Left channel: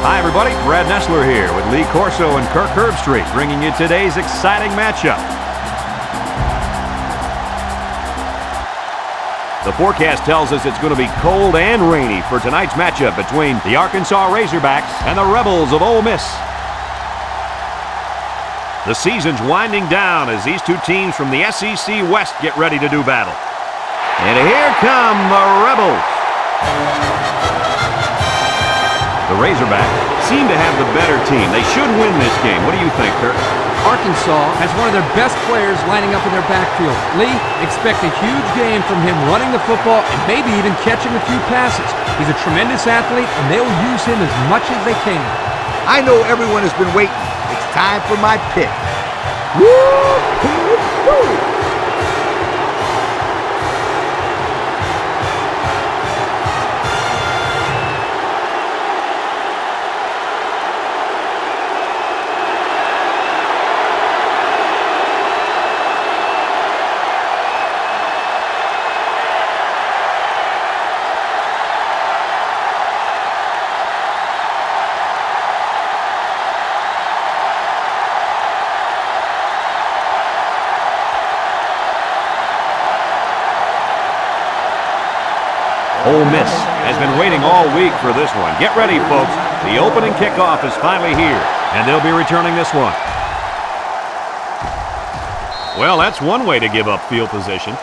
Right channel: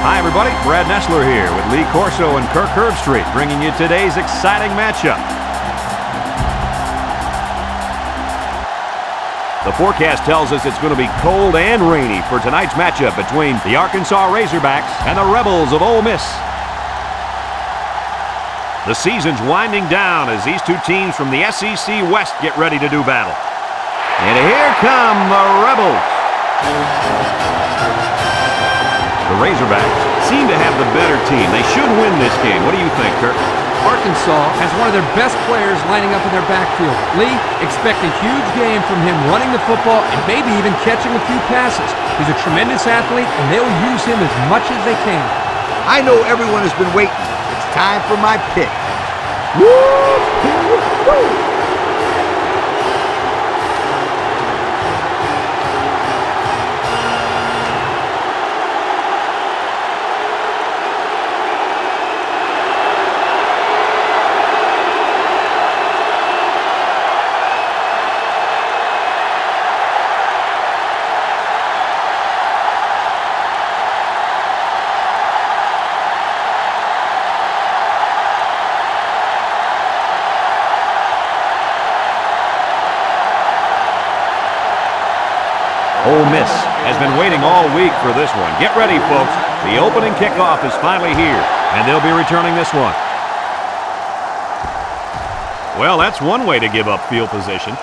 Hi, everybody. Brad Nessler here with Lee Corso and Kirk Herbstreit, bringing you today's exciting matchup. The forecast tells us it's going to be cold and rainy for tonight's matchup between the Arkansas Razorbacks and the Rebels of Ole Miss. The season's winding down as these two teams from the SEC West get ready to do battle. And here come the Rebels. The Razorbacks seem to have the better team. They should win this game. What do you think, Kirk? Arkansas has one of their best players lining up in their backfield. Lee, expect a huge game from him running the football and maybe even catching a few passes. He's a tremendous athlete, and they'll use him as much as they can. I know everyone has been waiting. It's time for my pick. Woo-hoo-hoo! Ole Miss has been waiting all week for this one. Get ready, folks. The opening kickoff is finally here, and they'll be returning this one. Well, that's one way to give up field position.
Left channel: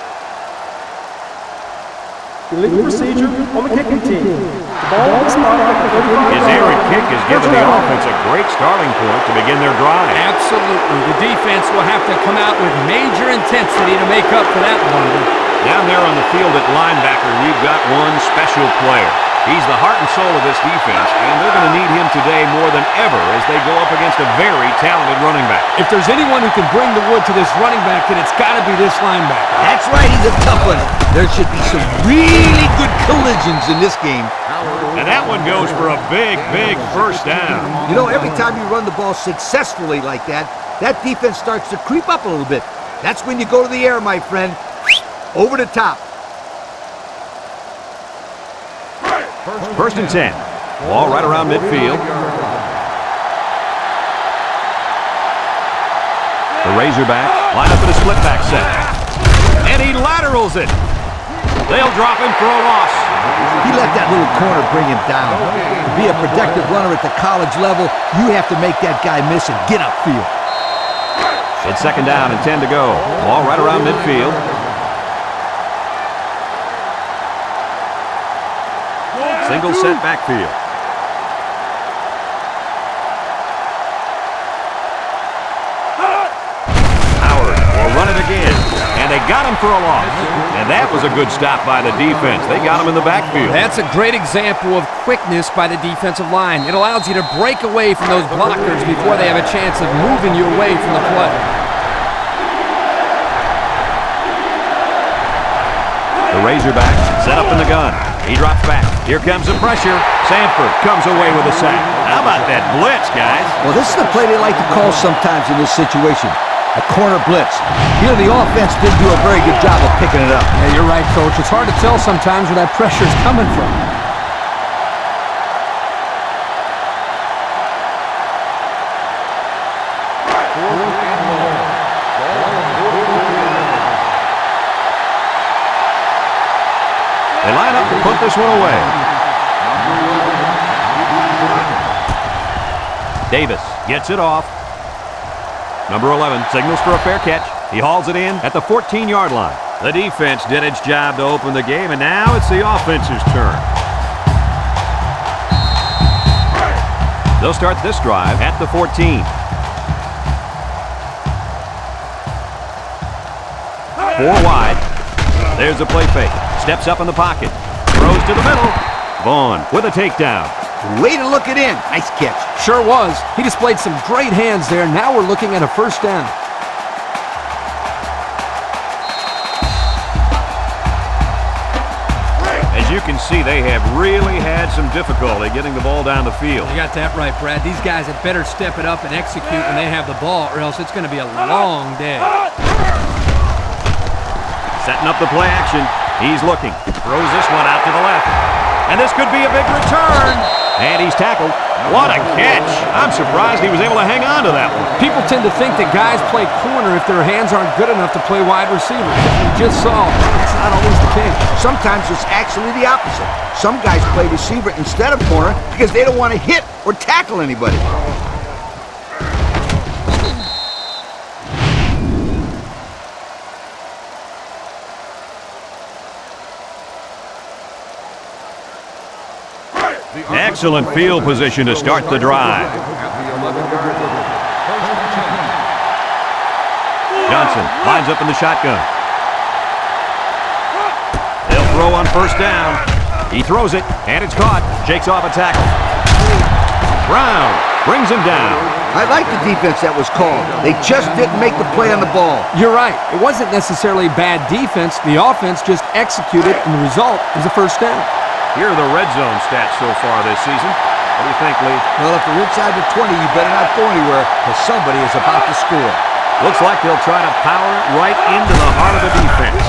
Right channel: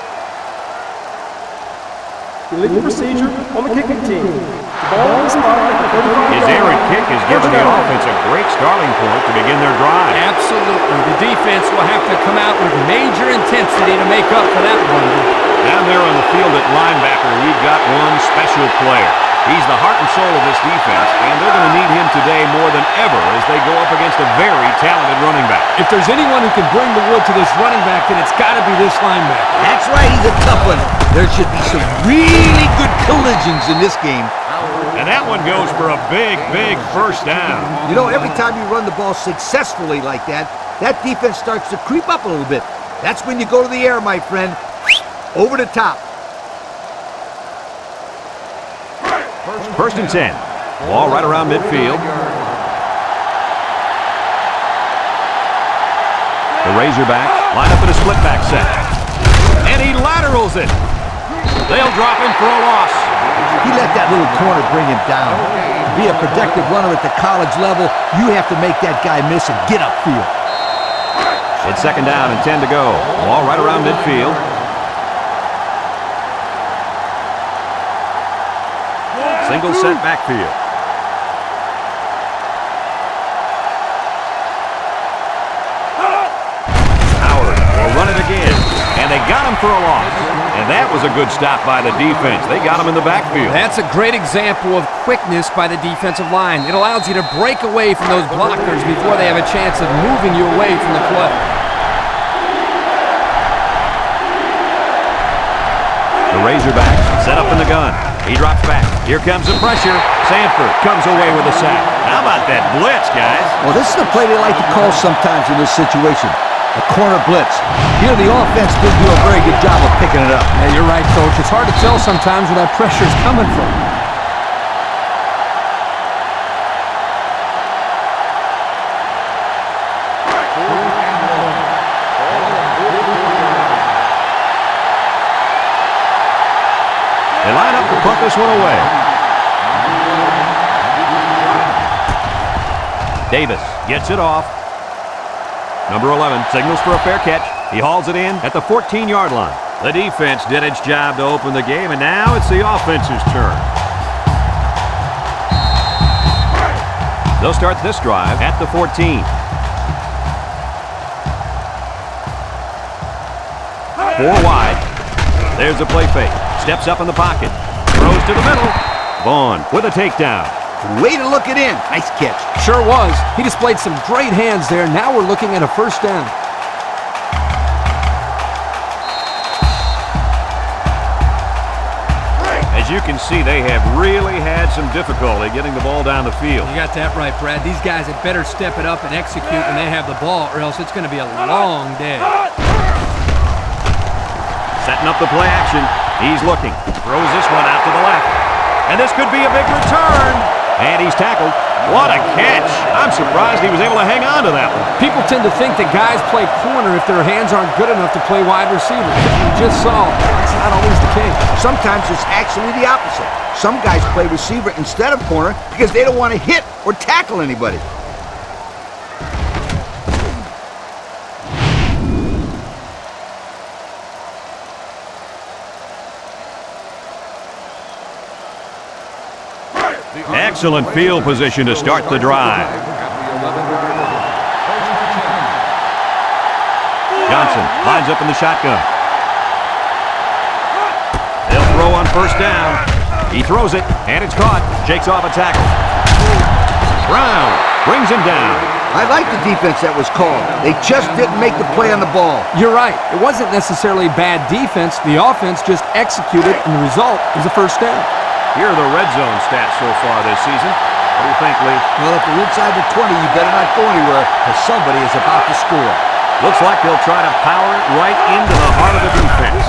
Illegal procedure on the kicking team. The ball on the spot at the 35-yard line. His errant kick has given the offense a great starting point to begin their drive. Absolutely. The defense will have to come out with major intensity to make up for that blunder. Down there on the field at linebacker, we've got one special player. He's the heart and soul of this defense, and they're going to need him today more than ever as they go up against a very talented running back. If there's anyone who can bring the wood to this running back, then it's got to be this linebacker. That's right, he's a tough one. There should be some really good collisions in this game. And that one goes for a big, big first down. You know, every time you run the ball successfully like that, that defense starts to creep up a little bit. That's when you go to the air, my friend. Over the top. First and 10. Ball right around midfield. The Razorbacks line up in a split back set. And he laterals it. They'll drop him for a loss. He let that little corner bring him down. To be a productive runner at the college level, you have to make that guy miss and get upfield. It's second down and 10 to go. Ball right around midfield. Single set backfield. Howard will run it again, and they got him for a loss. And that was a good stop by the defense. They got him in the backfield. That's a great example of quickness by the defensive line. It allows you to break away from those blockers before they have a chance of moving you away from the play. The Razorbacks set up in the gun. He drops back. Here comes the pressure. Sanford comes away with a sack. How about that blitz, guys? Well, this is the play they like to call sometimes in this situation. A corner blitz. Here, the offense didn't do a very good job of picking it up. Yeah, you're right, Coach. It's hard to tell sometimes where that pressure's coming from. They line up to punt this one away. Davis gets it off. Number 11 signals for a fair catch. He hauls it in at the 14-yard line. The defense did its job to open the game, and now it's the offense's turn. They'll start this drive at the 14. 4 wide. There's the play fake. Steps up in the pocket. Throws to the middle. Vaughn with a takedown. Way to look it in. Nice catch. Sure was. He displayed some great hands there. Now we're looking at a first down. As you can see, they have really had some difficulty getting the ball down the field. You got that right, Brad. These guys had better step it up and execute when they have the ball, or else it's going to be a long day. Setting up the play action. He's looking. Throws this one out to the left. And this could be a big return. And he's tackled. What a catch. I'm surprised he was able to hang on to that one. People tend to think that guys play corner if their hands aren't good enough to play wide receiver. As we just saw, that's not always the case. Sometimes it's actually the opposite. Some guys play receiver instead of corner because they don't want to hit or tackle anybody. Excellent field position to start the drive. Johnson lines up in the shotgun. They'll throw on first down. He throws it, and it's caught. Shakes off a tackle. Brown brings him down. I like the defense that was called. They just didn't make the play on the ball. You're right. It wasn't necessarily bad defense. The offense just executed, and the result is a first down. Here are the red zone stats so far this season. What do you think, Lee? Well, if they're inside the 20, you better not go anywhere because somebody is about to score. Looks like they'll try to power it right into the heart of the defense.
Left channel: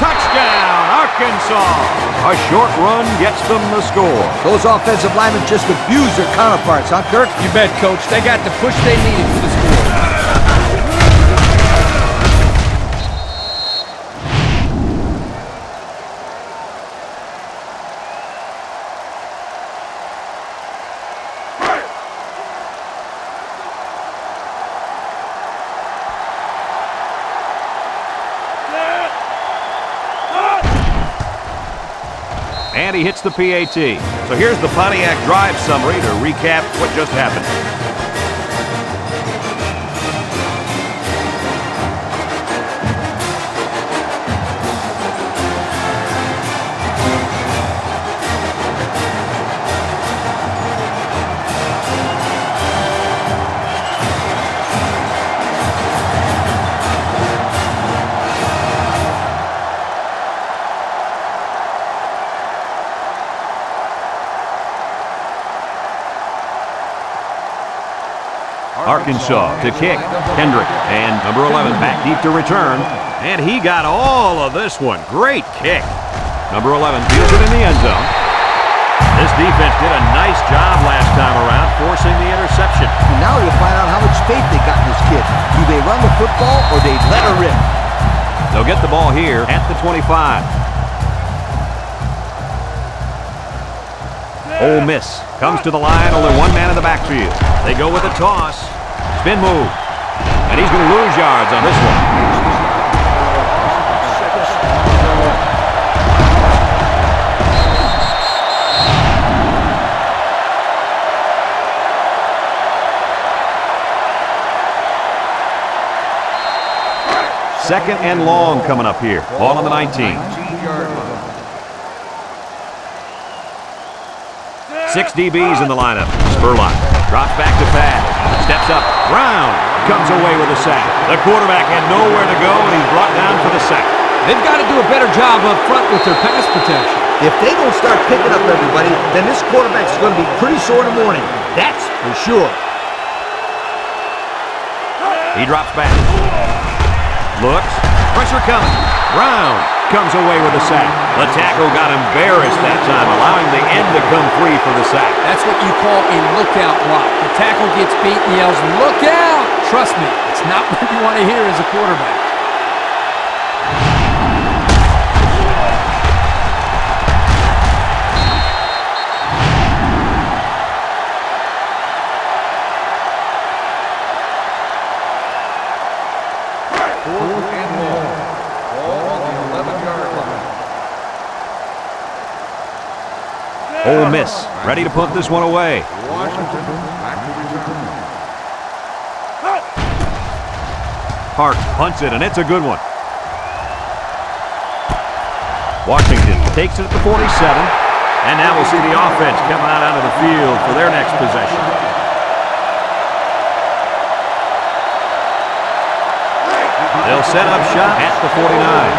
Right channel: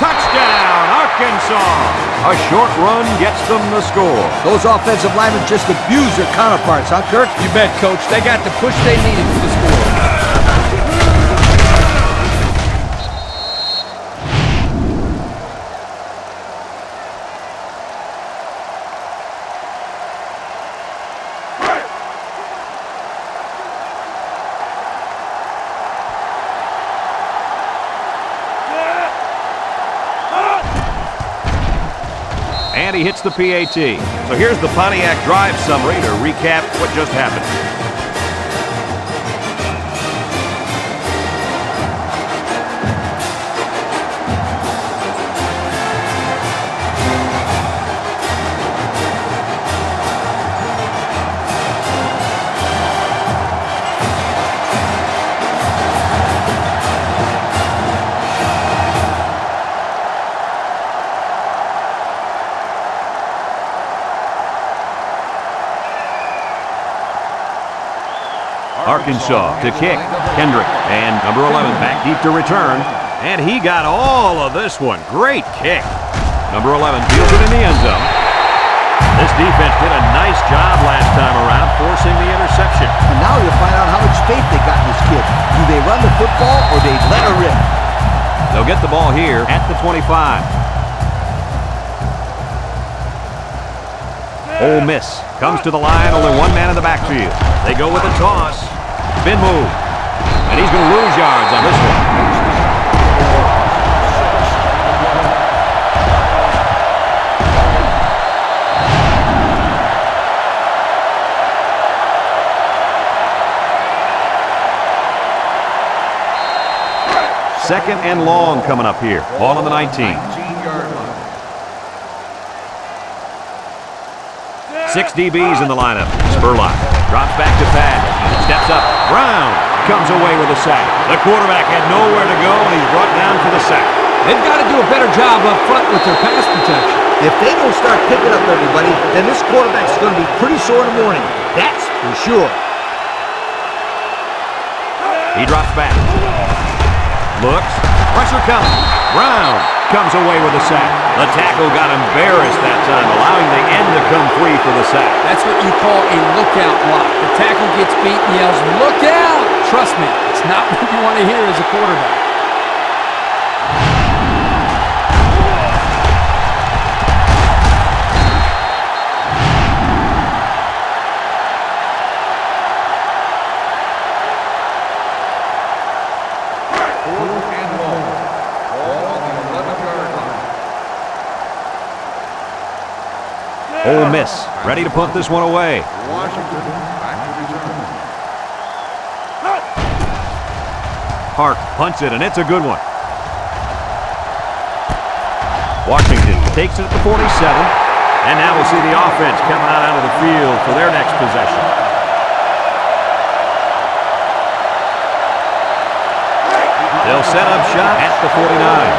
Touchdown, Arkansas! A short run gets them the score. Those offensive linemen just abuse their counterparts, huh, Kirk? You bet, Coach. They got the push they needed for the score. And he hits the PAT. So here's the Pontiac drive summary to recap what just happened. Arkansas to kick. Kendrick and number 11 back deep to return. And he got all of this one. Great kick. Number 11 fields it in the end zone. This defense did a nice job last time around forcing the interception. And now you'll find out how much faith they got in this kid. Do they run the football or they let her rip? They'll get the ball here at the 25. Ole Miss comes to the line, only one man in the backfield. They go with a toss. Spin move. And he's going to lose yards on this one. Second and long coming up here. Ball on the 19. 6 DBs in the lineup. Spurlock drops back to pass. Steps up. Brown comes away with a sack. The quarterback had nowhere to go, and he's brought down for the sack. They've got to do a better job up front with their pass protection. If they don't start picking up everybody, then this quarterback's going to be pretty sore in the morning. That's for sure. He drops back. Looks. Pressure coming. Brown comes away with a sack. The tackle got embarrassed that time, allowing the end to come free for the sack. That's what you call a lookout block. The tackle gets beat and yells, "Look out!" Trust me, it's not what you want to hear as a quarterback. Ole Miss ready to punt this one away. Washington back to return. Hart punts it, and it's a good one. Washington takes it at the 47, and now we'll see the offense coming out onto the field for their next possession. They'll set up shop at the 49.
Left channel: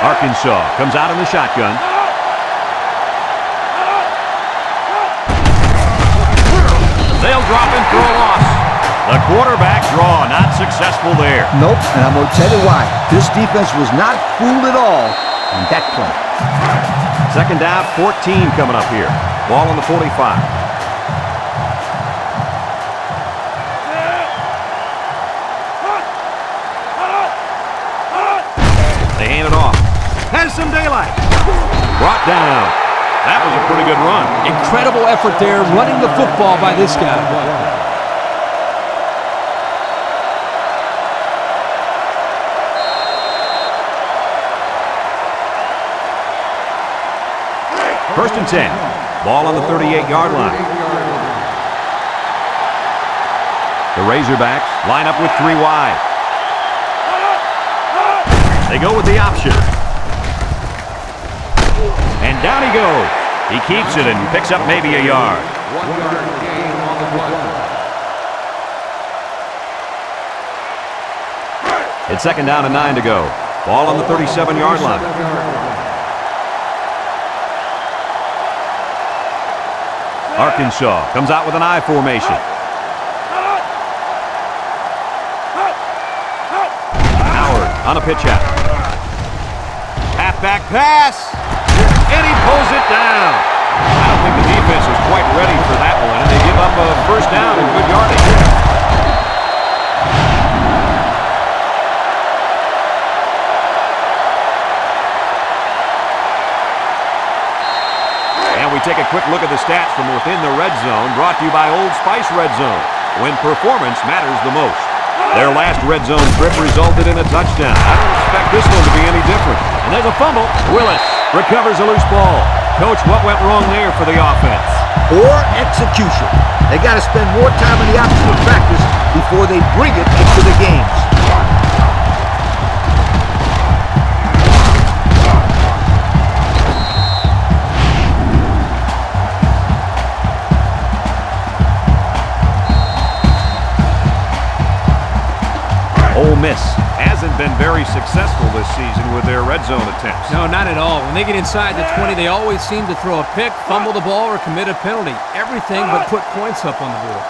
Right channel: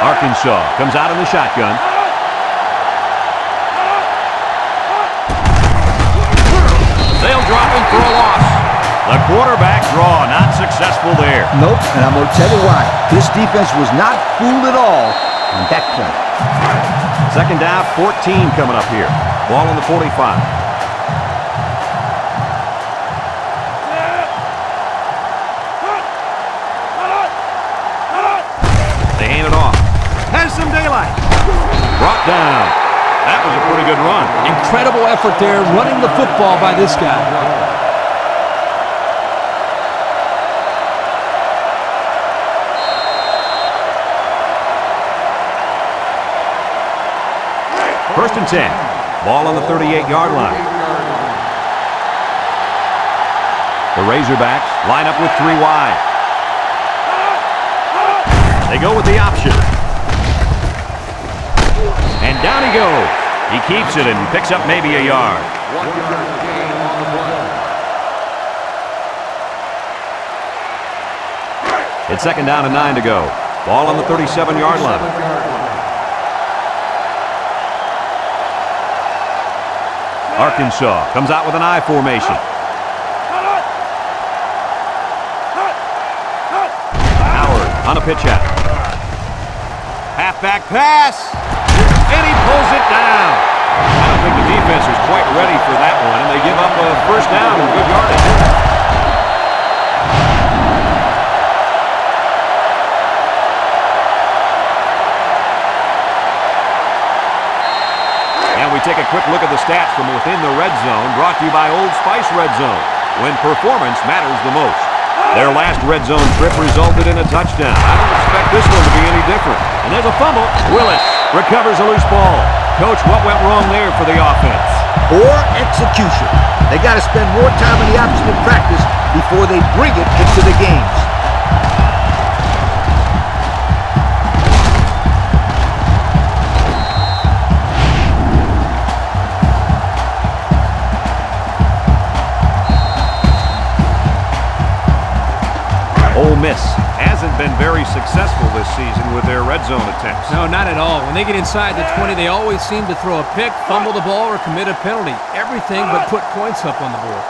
Arkansas comes out in the shotgun. They'll drop him for a loss. The quarterback draw, not successful there. Nope, and I'm going to tell you why. This defense was not fooled at all on that play. Second down, 14 coming up here. Ball on the 45. They hand it off. Has some daylight. Brought down. That was a pretty good run. Incredible effort there running the football by this guy. First and 10. Ball on the 38-yard line. The Razorbacks line up with 3 wide. They go with the option. And down he goes. He keeps it and picks up maybe a yard. 1 yard gain on the play. It's second down and 9 to go. Ball on the 37-yard line. Arkansas comes out with an I formation. Howard on a pitch out. Halfback pass. And he pulls it down. I don't think the defense was quite ready for that one, and they give up a first down and good yardage. And we take a quick look at the stats from within the red zone, brought to you by Old Spice Red Zone, when performance matters the most. Their last red zone trip resulted in a touchdown. I don't expect this one to be any different. And there's a fumble. Willis recovers a loose ball. Coach, what went wrong there for the offense? Poor execution. They got to spend more time on the option of practice before they bring it into the games. Ole Miss hasn't been very successful this season with their red zone attempts. No, not at all. When they get inside the 20, they always seem to throw a pick, fumble the ball, or commit a penalty. Everything but put points up on the board.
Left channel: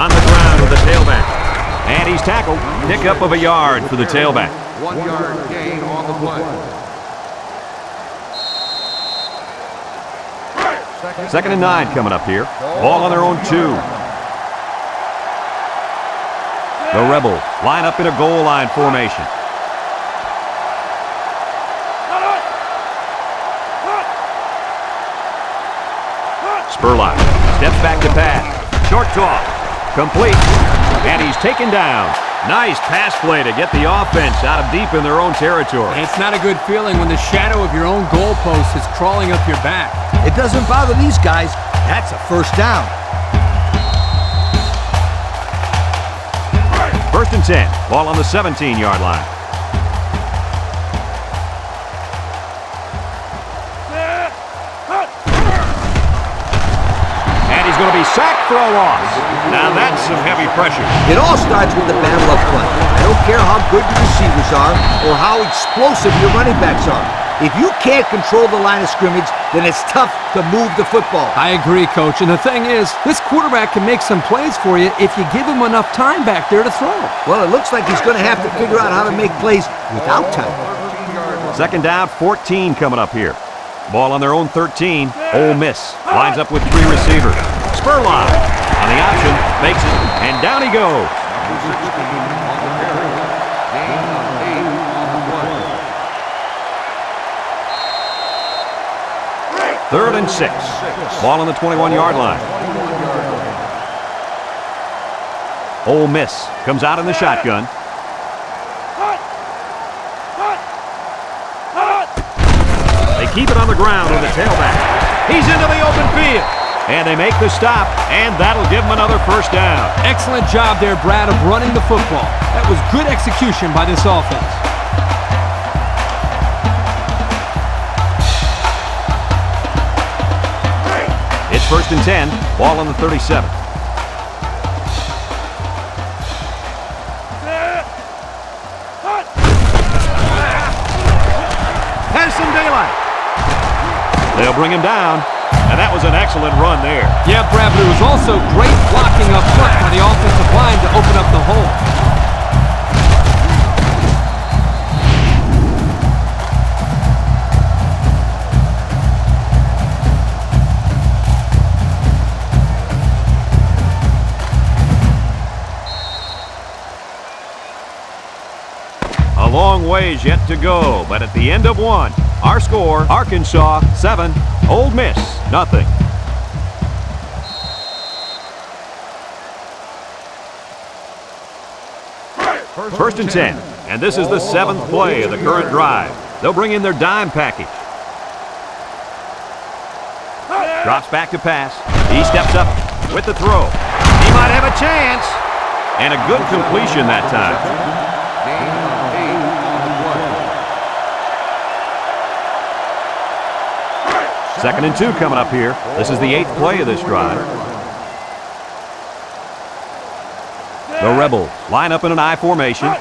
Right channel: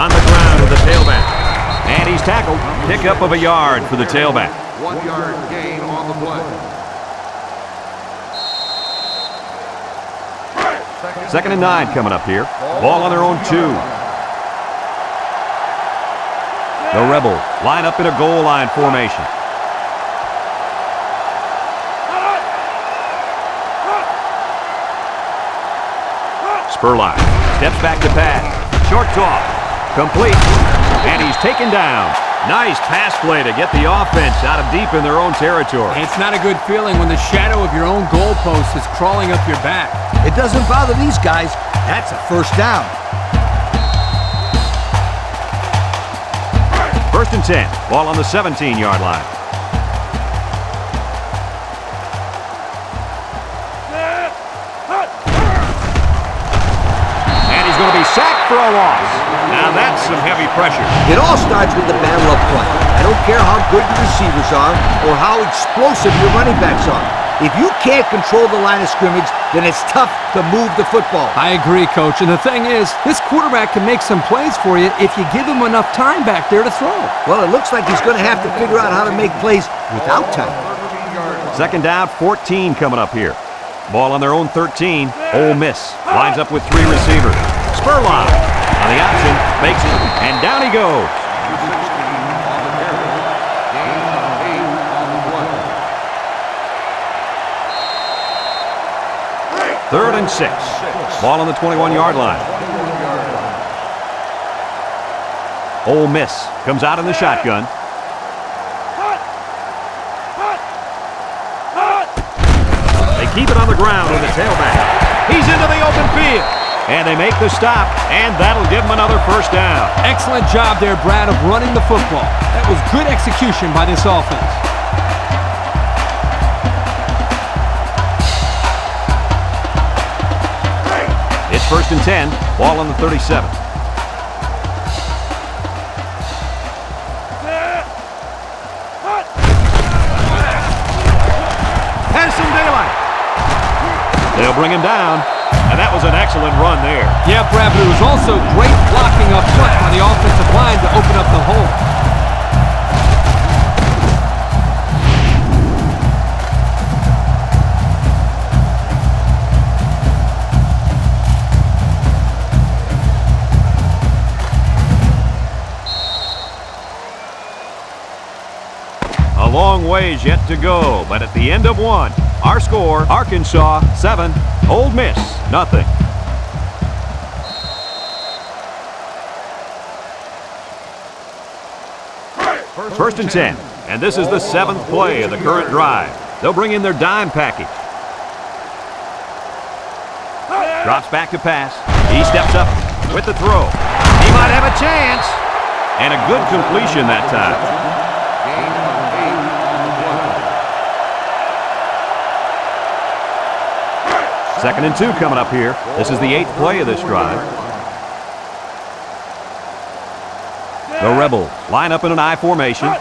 On the ground with the tailback. And he's tackled. Pickup of a yard for the tailback. 1 yard gain on the play. Second and 9 coming up here. Ball on their own 2. The Rebels line up in a goal line formation. Spurlock steps back to pass. Short toss. Complete. And he's taken down. Nice pass play to get the offense out of deep in their own territory. It's not a good feeling when the shadow of your own goalpost is crawling up your back. It doesn't bother these guys. That's a first down. First and 10. Ball on the 17-yard line. And he's going to be sacked for a loss. Now that's some heavy pressure. It all starts with the battle up front. I don't care how good your receivers are or how explosive your running backs are. If you can't control the line of scrimmage, then it's tough to move the football. I agree, Coach. And the thing is, this quarterback can make some plays for you if you give him enough time back there to throw. Well, it looks like he's going to have to figure out how to make plays without time. 13-yard line. Second down, 14 coming up here. Ball on their own 13. Ole Miss lines up with 3 receivers. Spurlock on the option, makes it, and down he goes. Number 16 on the carry. Gain of 8 on the play. Third and 6. Ball on the 21-yard line. 21-yard line. Ole Miss comes out in the shotgun. They keep it on the ground with the tailback. He's into the open field. And they make the stop, and that'll give them another first down. Excellent job there, Brad, of running the football. That was good execution by this offense. It's first and 10. Ball on the 37. Has some daylight. They'll bring him down. And that was an excellent run there. Yeah, Brad, but it was also great blocking up front by the offensive line to open up the hole. A long ways yet to go, but at the end of one, our score, Arkansas 7, Ole Miss nothing. First and 10, and this is the 7th play of the current drive. They'll bring in their dime package. Drops back to pass. He steps up with the throw. He might have a chance. And a good completion that time. Gain of 8 on the play. Second and 2 coming up here. This is the 8th play of this drive. The Rebels line up in an I formation. They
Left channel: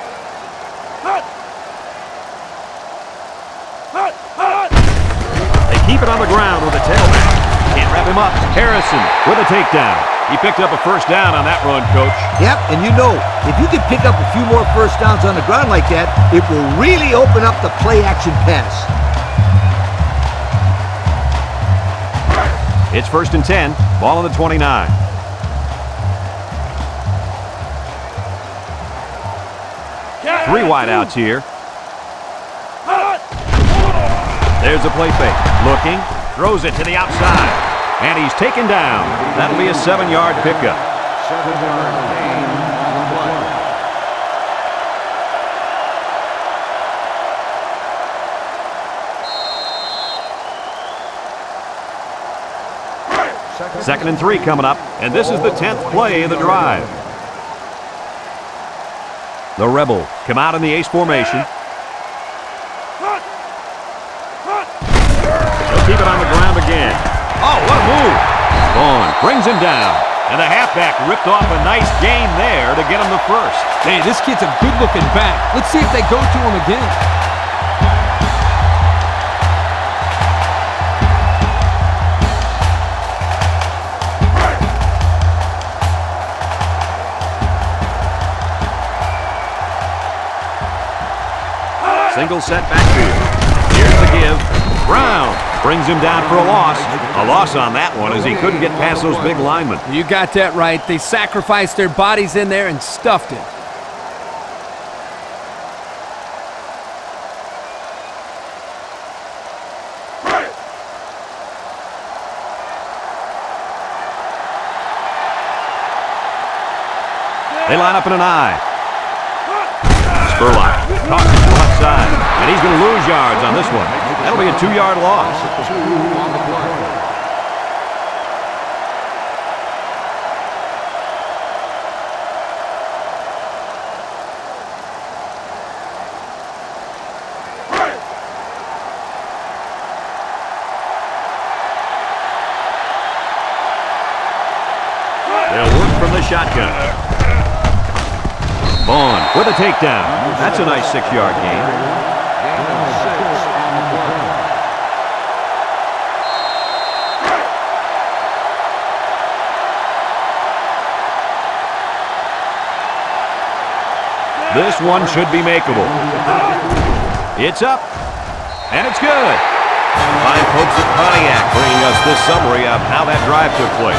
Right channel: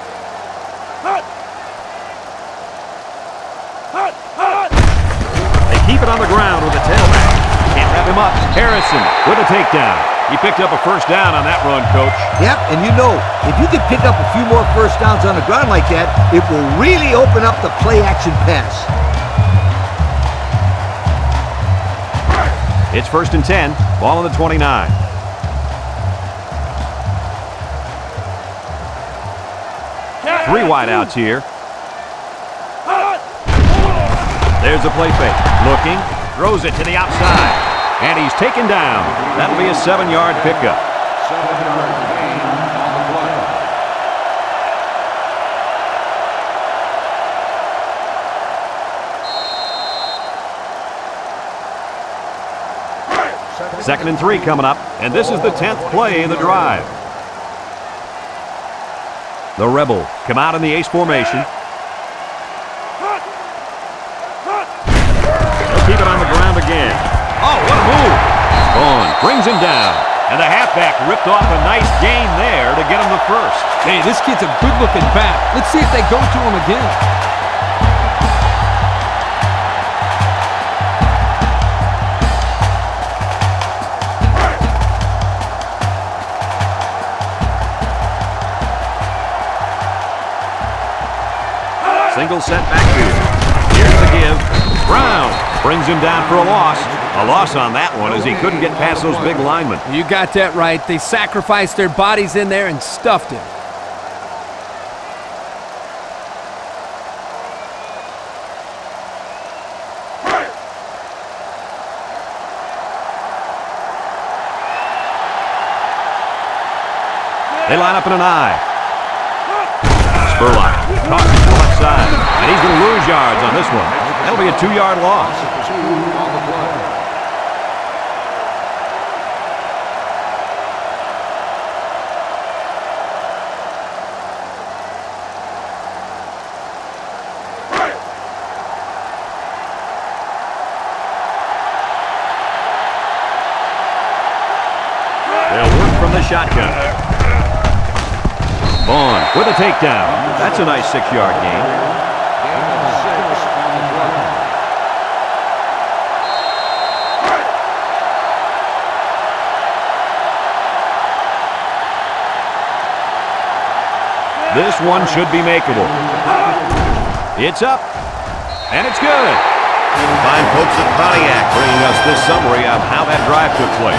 keep it on the ground with a tailback. Can't wrap him up. Harrison with a takedown. He picked up a first down on that run, Coach. Yep, and you know, if you can pick up a few more first downs on the ground like that, it will really open up the play-action pass. It's first and 10, ball on the 29. Three wideouts here. There's a play fake. Looking, throws it to the outside. And he's taken down. That'll be a 7-yard pickup. 7-yard gain on the play. Second and 3 coming up, and this is the 10th play of the drive. The Rebels come out in the ace formation. They'll keep it on the ground again. Oh, what a move. Vaughn brings him down. And the halfback ripped off a nice gain there to get him the first. Hey, this kid's a good-looking back. Let's see if they go to him again. Single set backfield. Here's the give. Brown brings him down for a loss. A loss on that one as he couldn't get past those big linemen. You got that right. They sacrificed their bodies in there and stuffed him. They line up in an I. Spurlock tosses to the left side, and he's going to lose yards on this one. That'll be a 2-yard loss. 2 on the play. They'll work from the shotgun. Vaughn with a takedown. That's a nice 6-yard gain. Gain of 6 on the play. This one should be makeable. It's up, and it's good. Fine folks at Pontiac bringing us this summary of how that drive took place.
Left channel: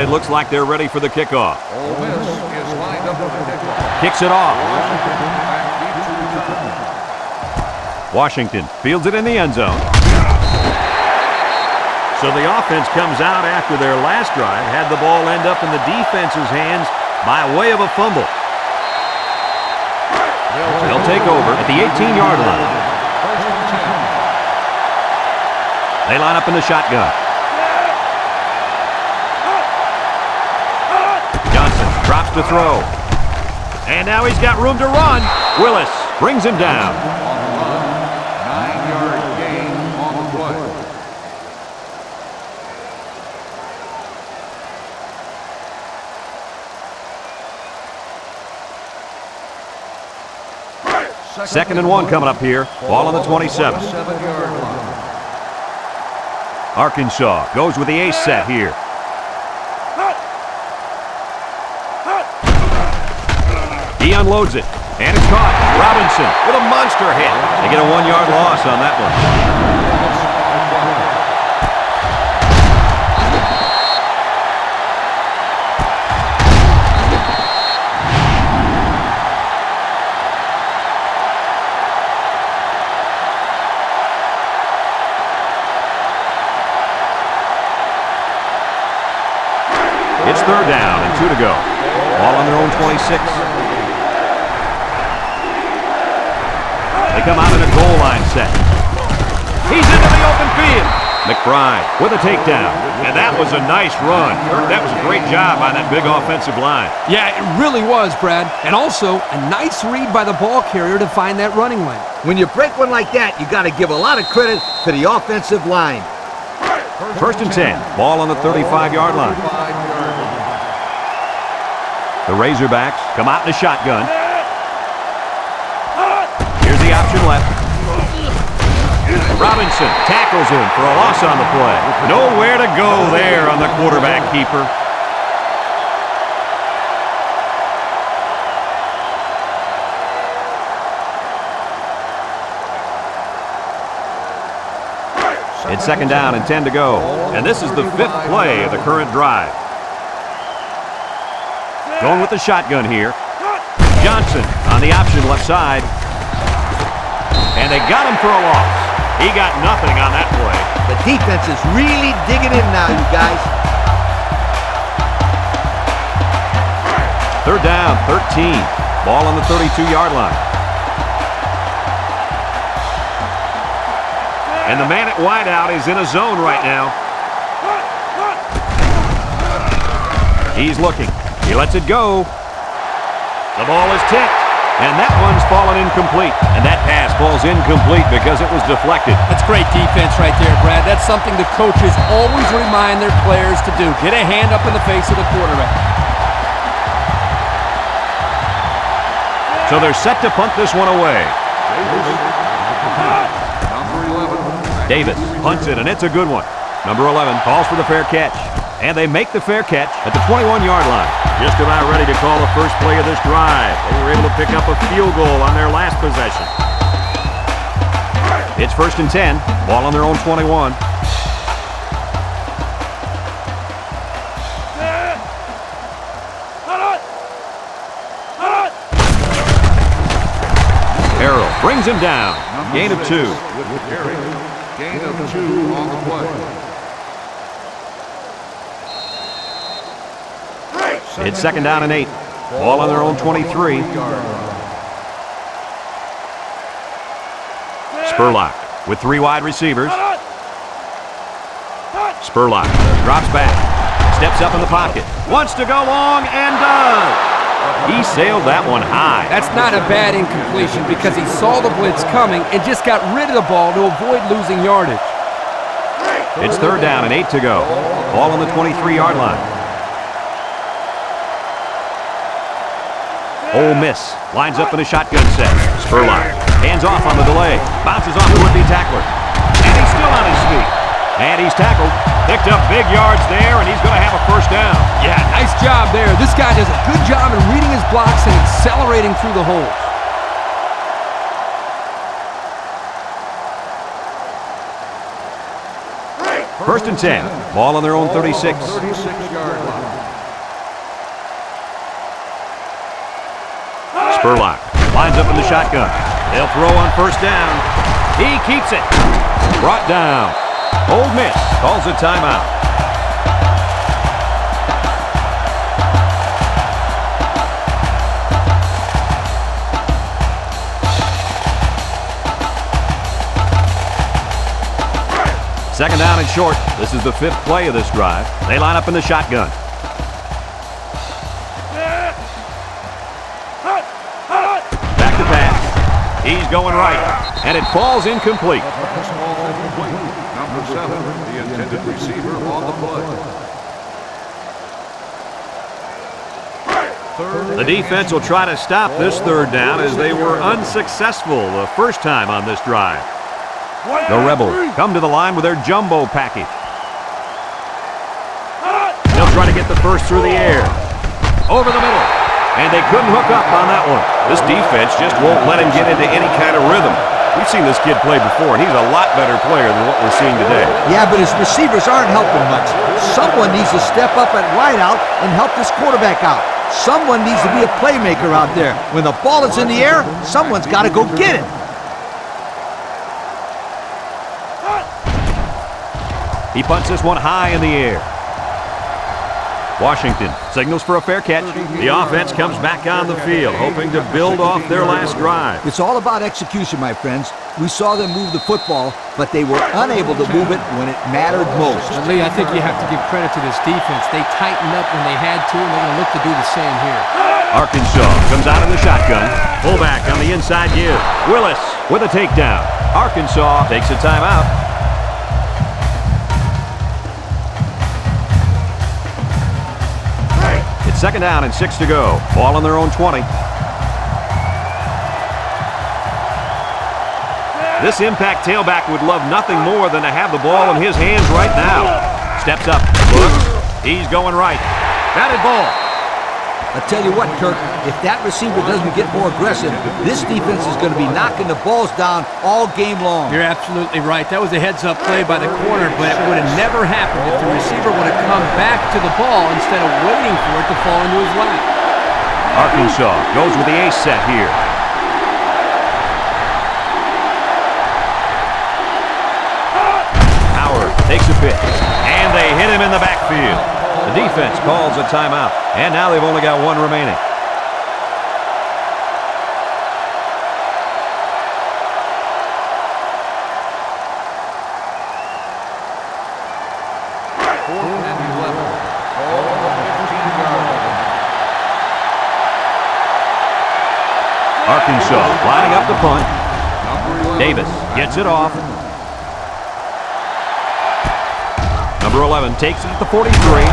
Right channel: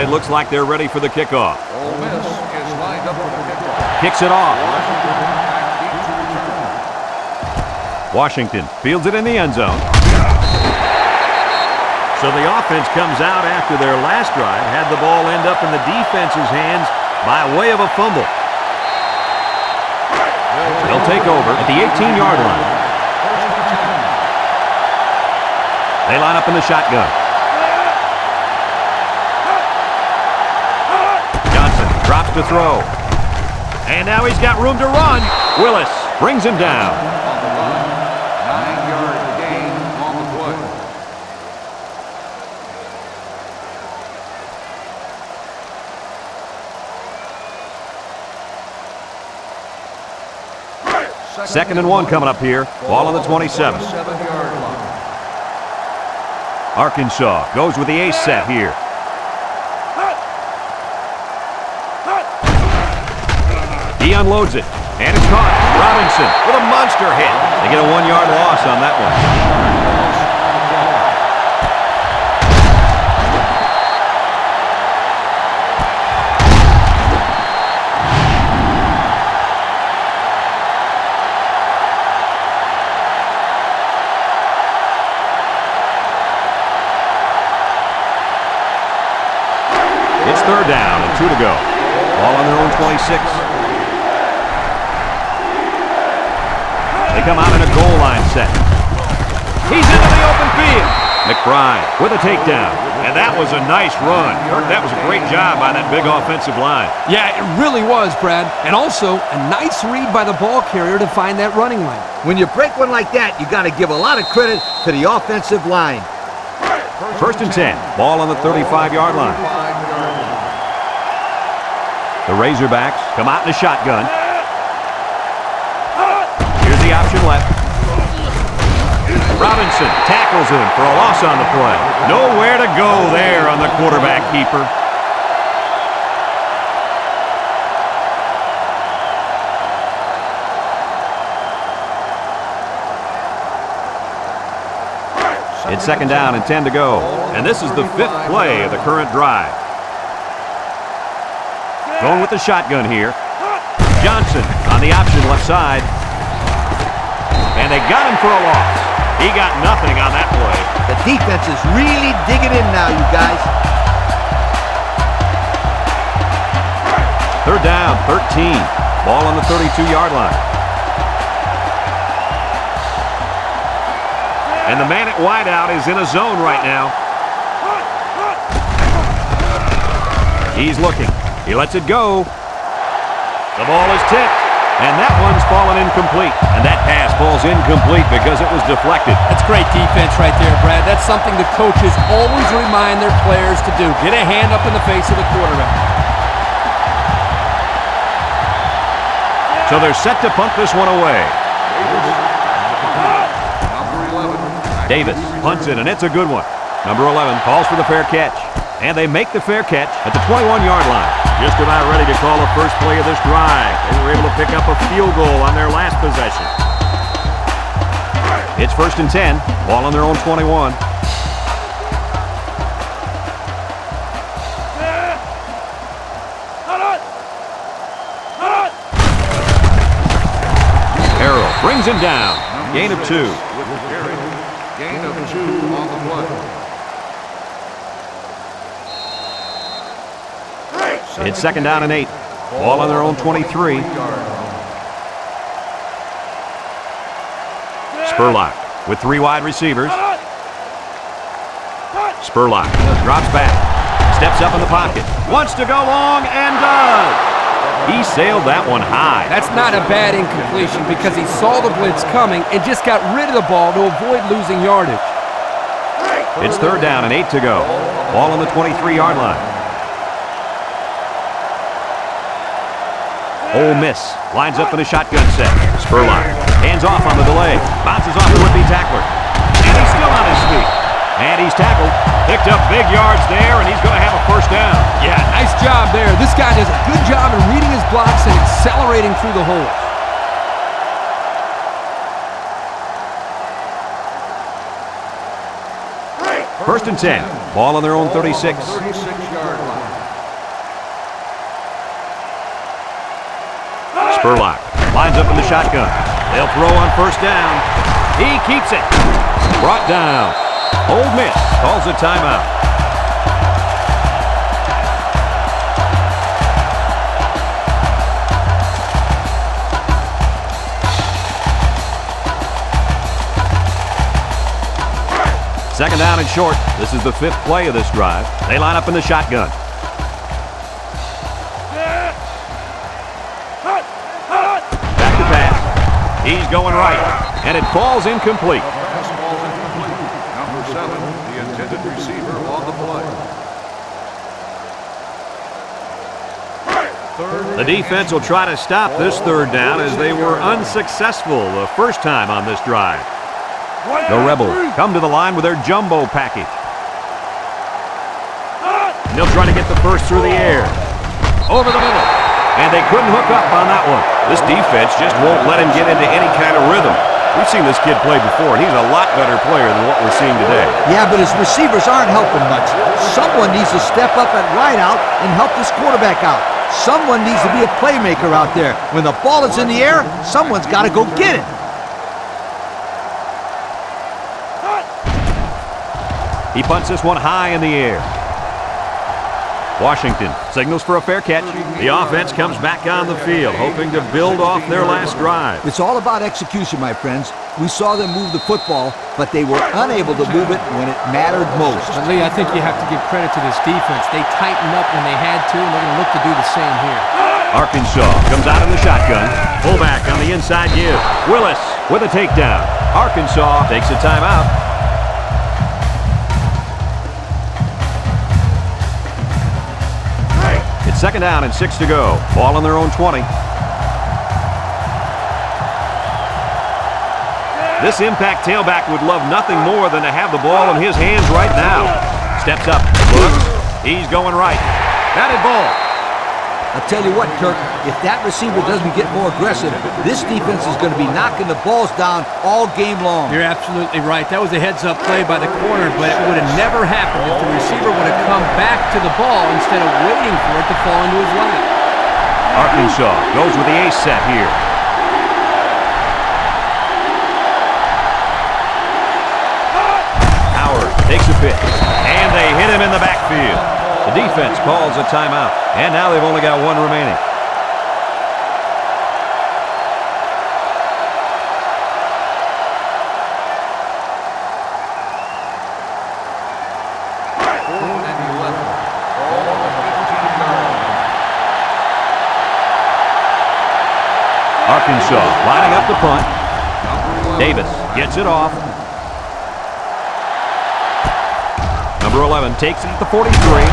It looks like they're ready for the kickoff. Ole Miss is lined up with a kickoff. Kicks it off. Washington back deep to return. Washington fields it in the end zone. So the offense comes out after their last drive, had the ball end up in the defense's hands by way of a fumble. They'll take over at the 18-yard line. First and 10. They line up in the shotgun. snaps to throw. And now he's got room to run. Willis brings him down. On the run, 9-yard gain on the play. Second and 1 coming up here. Ball on the 27. 7-yard line. Arkansas goes with the ace set here. He unloads it, and it's caught. Robinson with a monster hit. They get a 1-yard loss on that one. Loss on the play. It's third down and 2 to go. Ball on their own 26. They come out in a goal line set. He's into the open field. McBride with a takedown. And that was a nice run. Kirk, that was a great job by that big offensive line. Yeah, it really was, Brad. And also, a nice read by the ball carrier to find that running lane. When you break one like that, you got to give a lot of credit to the offensive line. First and 10. Ball on the 35-yard line. 35-yard line. The Razorbacks come out in a shotgun. Here's the option left. Robinson tackles him for a loss on the play. Nowhere to go there on the quarterback keeper. It's second down and 10 to go. And this is the 5th play of the current drive. Going with the shotgun here. Johnson on the option left side. And they got him for a loss. He got nothing on that play. The defense is really digging in now, you guys. Third down, 13. Ball on the 32-yard line. And the man at wideout is in a zone right now. He's looking. He lets it go. The ball is tipped. And that one's fallen incomplete. And that pass falls incomplete because it was deflected. That's great defense right there, Brad. That's something the coaches always remind their players to do. Get a hand up in the face of the quarterback. So they're set to punt this one away. Davis back to punt. Number 11. back to Davis the return. punts it, and it's a good one. Number 11 calls for the fair catch. And they make the fair catch at the 21-yard line. Just about ready to call the first play of this drive. They were able to pick up a field goal on their last possession. It's first and 10. Ball on their own 21. Harrell brings him down. Number Gain of 6 2. with the carry. Gain of 2 on the play. It's second down and 8. Ball on their own 23. 3-yard line. Spurlock with 3 wide receivers. Spurlock drops back, steps up in the pocket, wants to go long, and does. He sailed that one high. That's not a bad incompletion because he saw the blitz coming and just got rid of the ball to avoid losing yardage. It's third down and 8 to go. Ball on the 23-yard line. Ole Miss lines up in a shotgun set. Spurlock hands off on the delay. Bounces off the would-be tackler. And he's still on his feet. And he's tackled. Picked up big yards there, and he's going to have a first down. Yeah, nice job there. This guy does a good job in reading his blocks and accelerating through the holes. First and 10. Ball on their own 36. 36-yard line. Spurlock lines up in the shotgun. They'll throw on first down. He keeps it. Brought down. Ole Miss calls a timeout. Second down and short. This is the 5th play of this drive. They line up in the shotgun. He's going right, and it falls incomplete. The pass falls incomplete. Number 7, the intended receiver on the play. The defense will try to stop this third down as they were unsuccessful the first time on this drive. The Rebels come to the line with their jumbo package. They'll try to get the first through the air. Over the middle. And they couldn't hook up on that one. This defense just won't let him get into any kind of rhythm. We've seen this kid play before, and he's a lot better player than what we're seeing today. Yeah, but his receivers aren't helping much. Someone needs to step up at wideout and help this quarterback out. Someone needs to be a playmaker out there. When the ball is in the air, someone's got to go get it. He punts this one high in the air. Washington signals for a fair catch. The offense comes back on the field, hoping to build off their last drive. It's all about execution, my friends. We saw them move the football, but they were unable to move it when it mattered most. But Lee, I think you have to give credit to this defense. They tightened up when they had to, and they're going to look to do the same here. Arkansas comes out in the shotgun. Fullback on the inside give. Willis with a takedown. Arkansas takes a timeout. It's 2nd down and 6 to go. Ball on their own 20. This impact tailback would love nothing more than to have the ball in his hands right now. Steps up, looks, he's going right. Batted ball. I'll tell you what, Kirk, if that receiver doesn't get more aggressive, this defense is going to be knocking the balls down all game long. You're absolutely right. That was a heads-up play by the corner, but it would have never happened if the receiver would have come back to the ball instead of waiting for it to fall into his lap. Arkansas goes with the ace set here. Howard takes a pitch, and they hit him in the backfield. The defense calls a timeout, and now they've only got one remaining. Fourth and 11. Ball on the 15-yard line. Arkansas lining up the punt. Number 11. Davis gets it off. Number 11 takes it at the 43.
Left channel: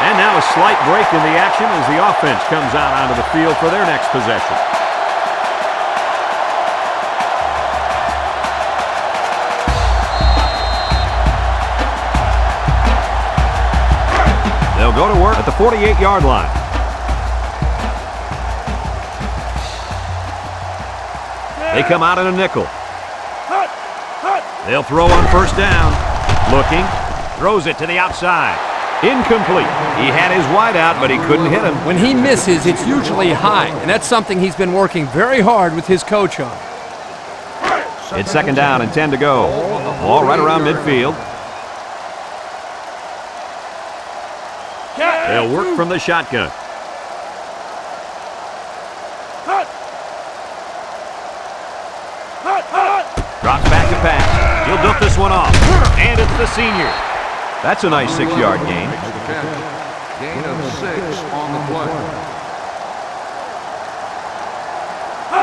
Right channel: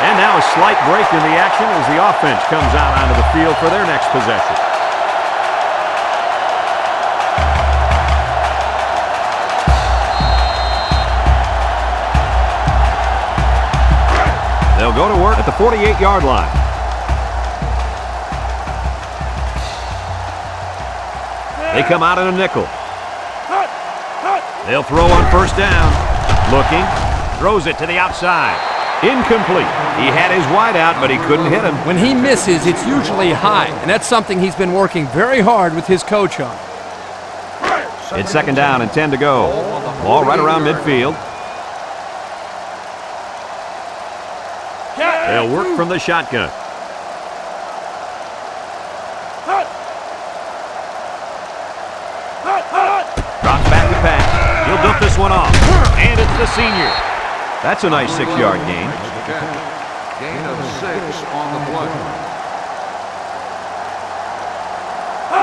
And now a slight break in the action as the offense comes out onto the field for their next possession. They'll go to work at the 48-yard line. They come out in a nickel. They'll throw on 1st down. Looking, throws it to the outside. Incomplete. He had his wide out, but he couldn't hit him. When he misses, it's usually high, and that's something he's been working very hard with his coach on. It's 2nd down and 10 to go. Ball right around midfield. They'll work from the shotgun. Drops back to pass. He'll dump this one off. And it's the senior. That's a nice 6-yard gain. Makes the catch. Gain of 6 on the play.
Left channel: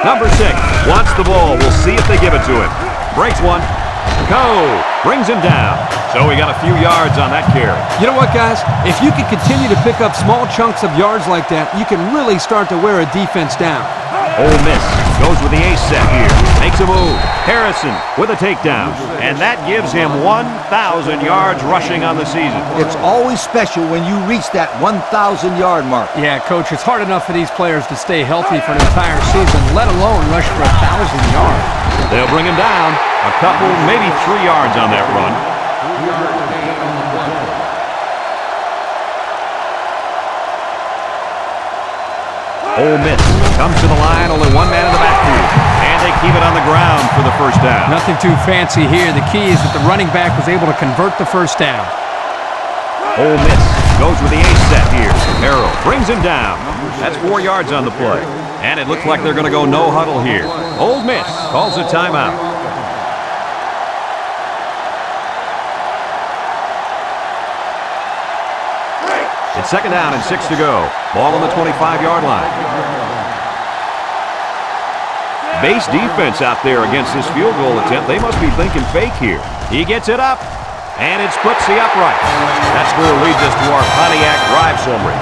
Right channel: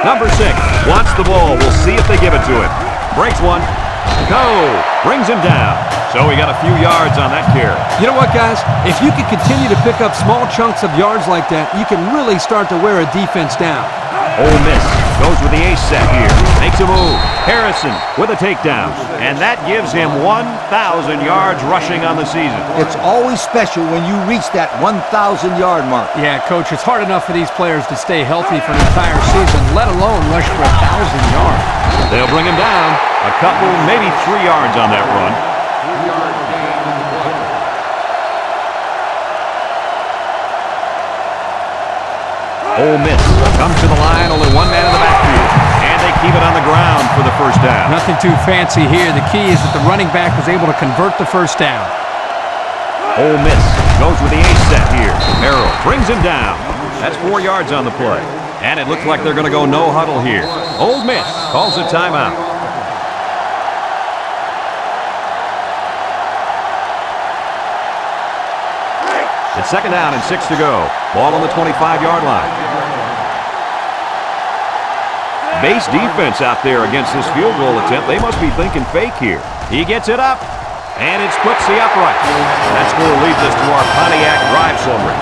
Number 6 wants the ball. We'll see if they give it to him. Breaks one. Go. Brings him down. So we got a few yards on that carry. You know what, guys? If you can continue to pick up small chunks of yards like that, you can really start to wear a defense down. Ole Miss goes with the ace set here. Makes a move. Harrison with a takedown. And that gives him 1,000 yards rushing on the season. It's always special when you reach that 1,000-yard mark. Yeah, Coach, it's hard enough for these players to stay healthy for an entire season, let alone rush for 1,000 yards. They'll bring him down. A couple, maybe 3 yards on that run. 3-yard gain on the play. Ole Miss comes to the line, only one man in the backfield. And they keep it on the ground for the 1st down. Nothing too fancy here. The key is that the running back was able to convert the 1st down. Ole Miss goes with the ace set here. Harrell brings him down. That's 4 yards on the play. And it looks like they're going to go no huddle here. Ole Miss calls a timeout. It's 2nd down and 6 to go. Ball on the 25-yard line. Base defense out there against this field goal attempt. They must be thinking fake here. He gets it up, and it splits the upright. That score leads us to our Pontiac drive summary.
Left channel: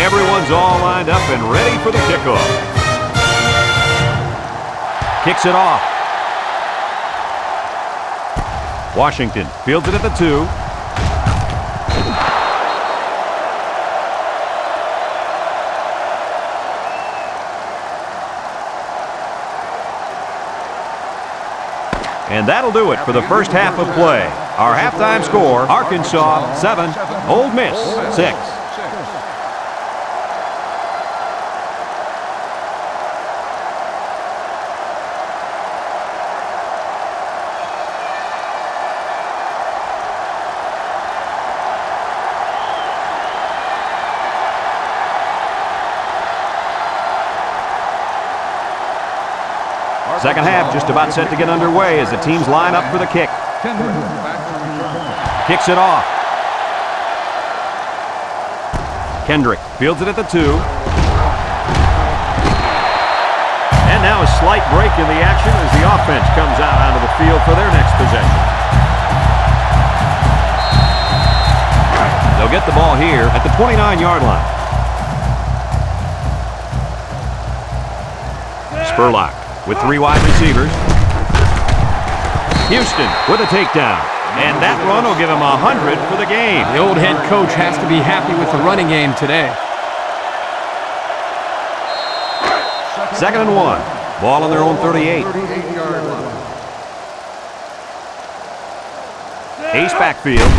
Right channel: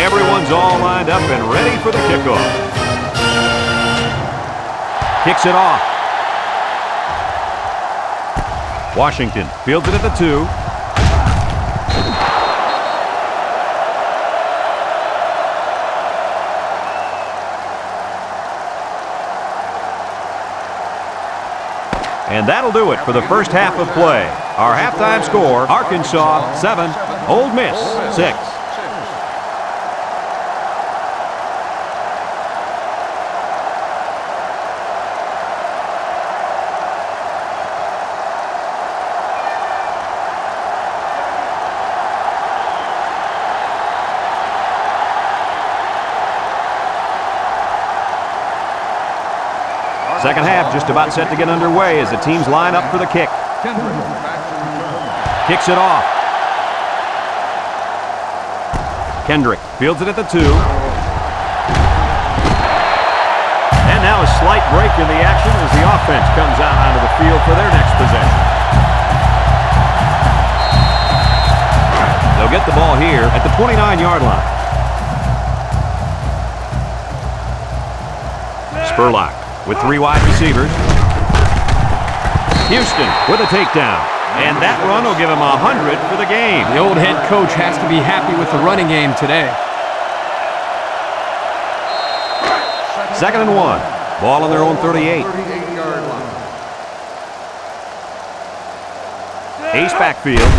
Everyone's all lined up and ready for the kickoff. Kicks it off. Washington fields it at the 2. And that'll do it for the first half of play. Our halftime score, Arkansas 7, Ole Miss 6. Second half just about set to get underway as the teams line up for the kick. Kendrick back to return. Kicks it off. Kendrick fields it at the 2. And now a slight break in the action as the offense comes out onto the field for their next possession. They'll get the ball here at the 29-yard line. Spurlock with 3 wide receivers. Houston with a takedown. And that run will give him 100 for the game. The old head coach has to be happy with the running game today. 2nd and 1. Ball on their own 38. 38-yard line. Ace backfield.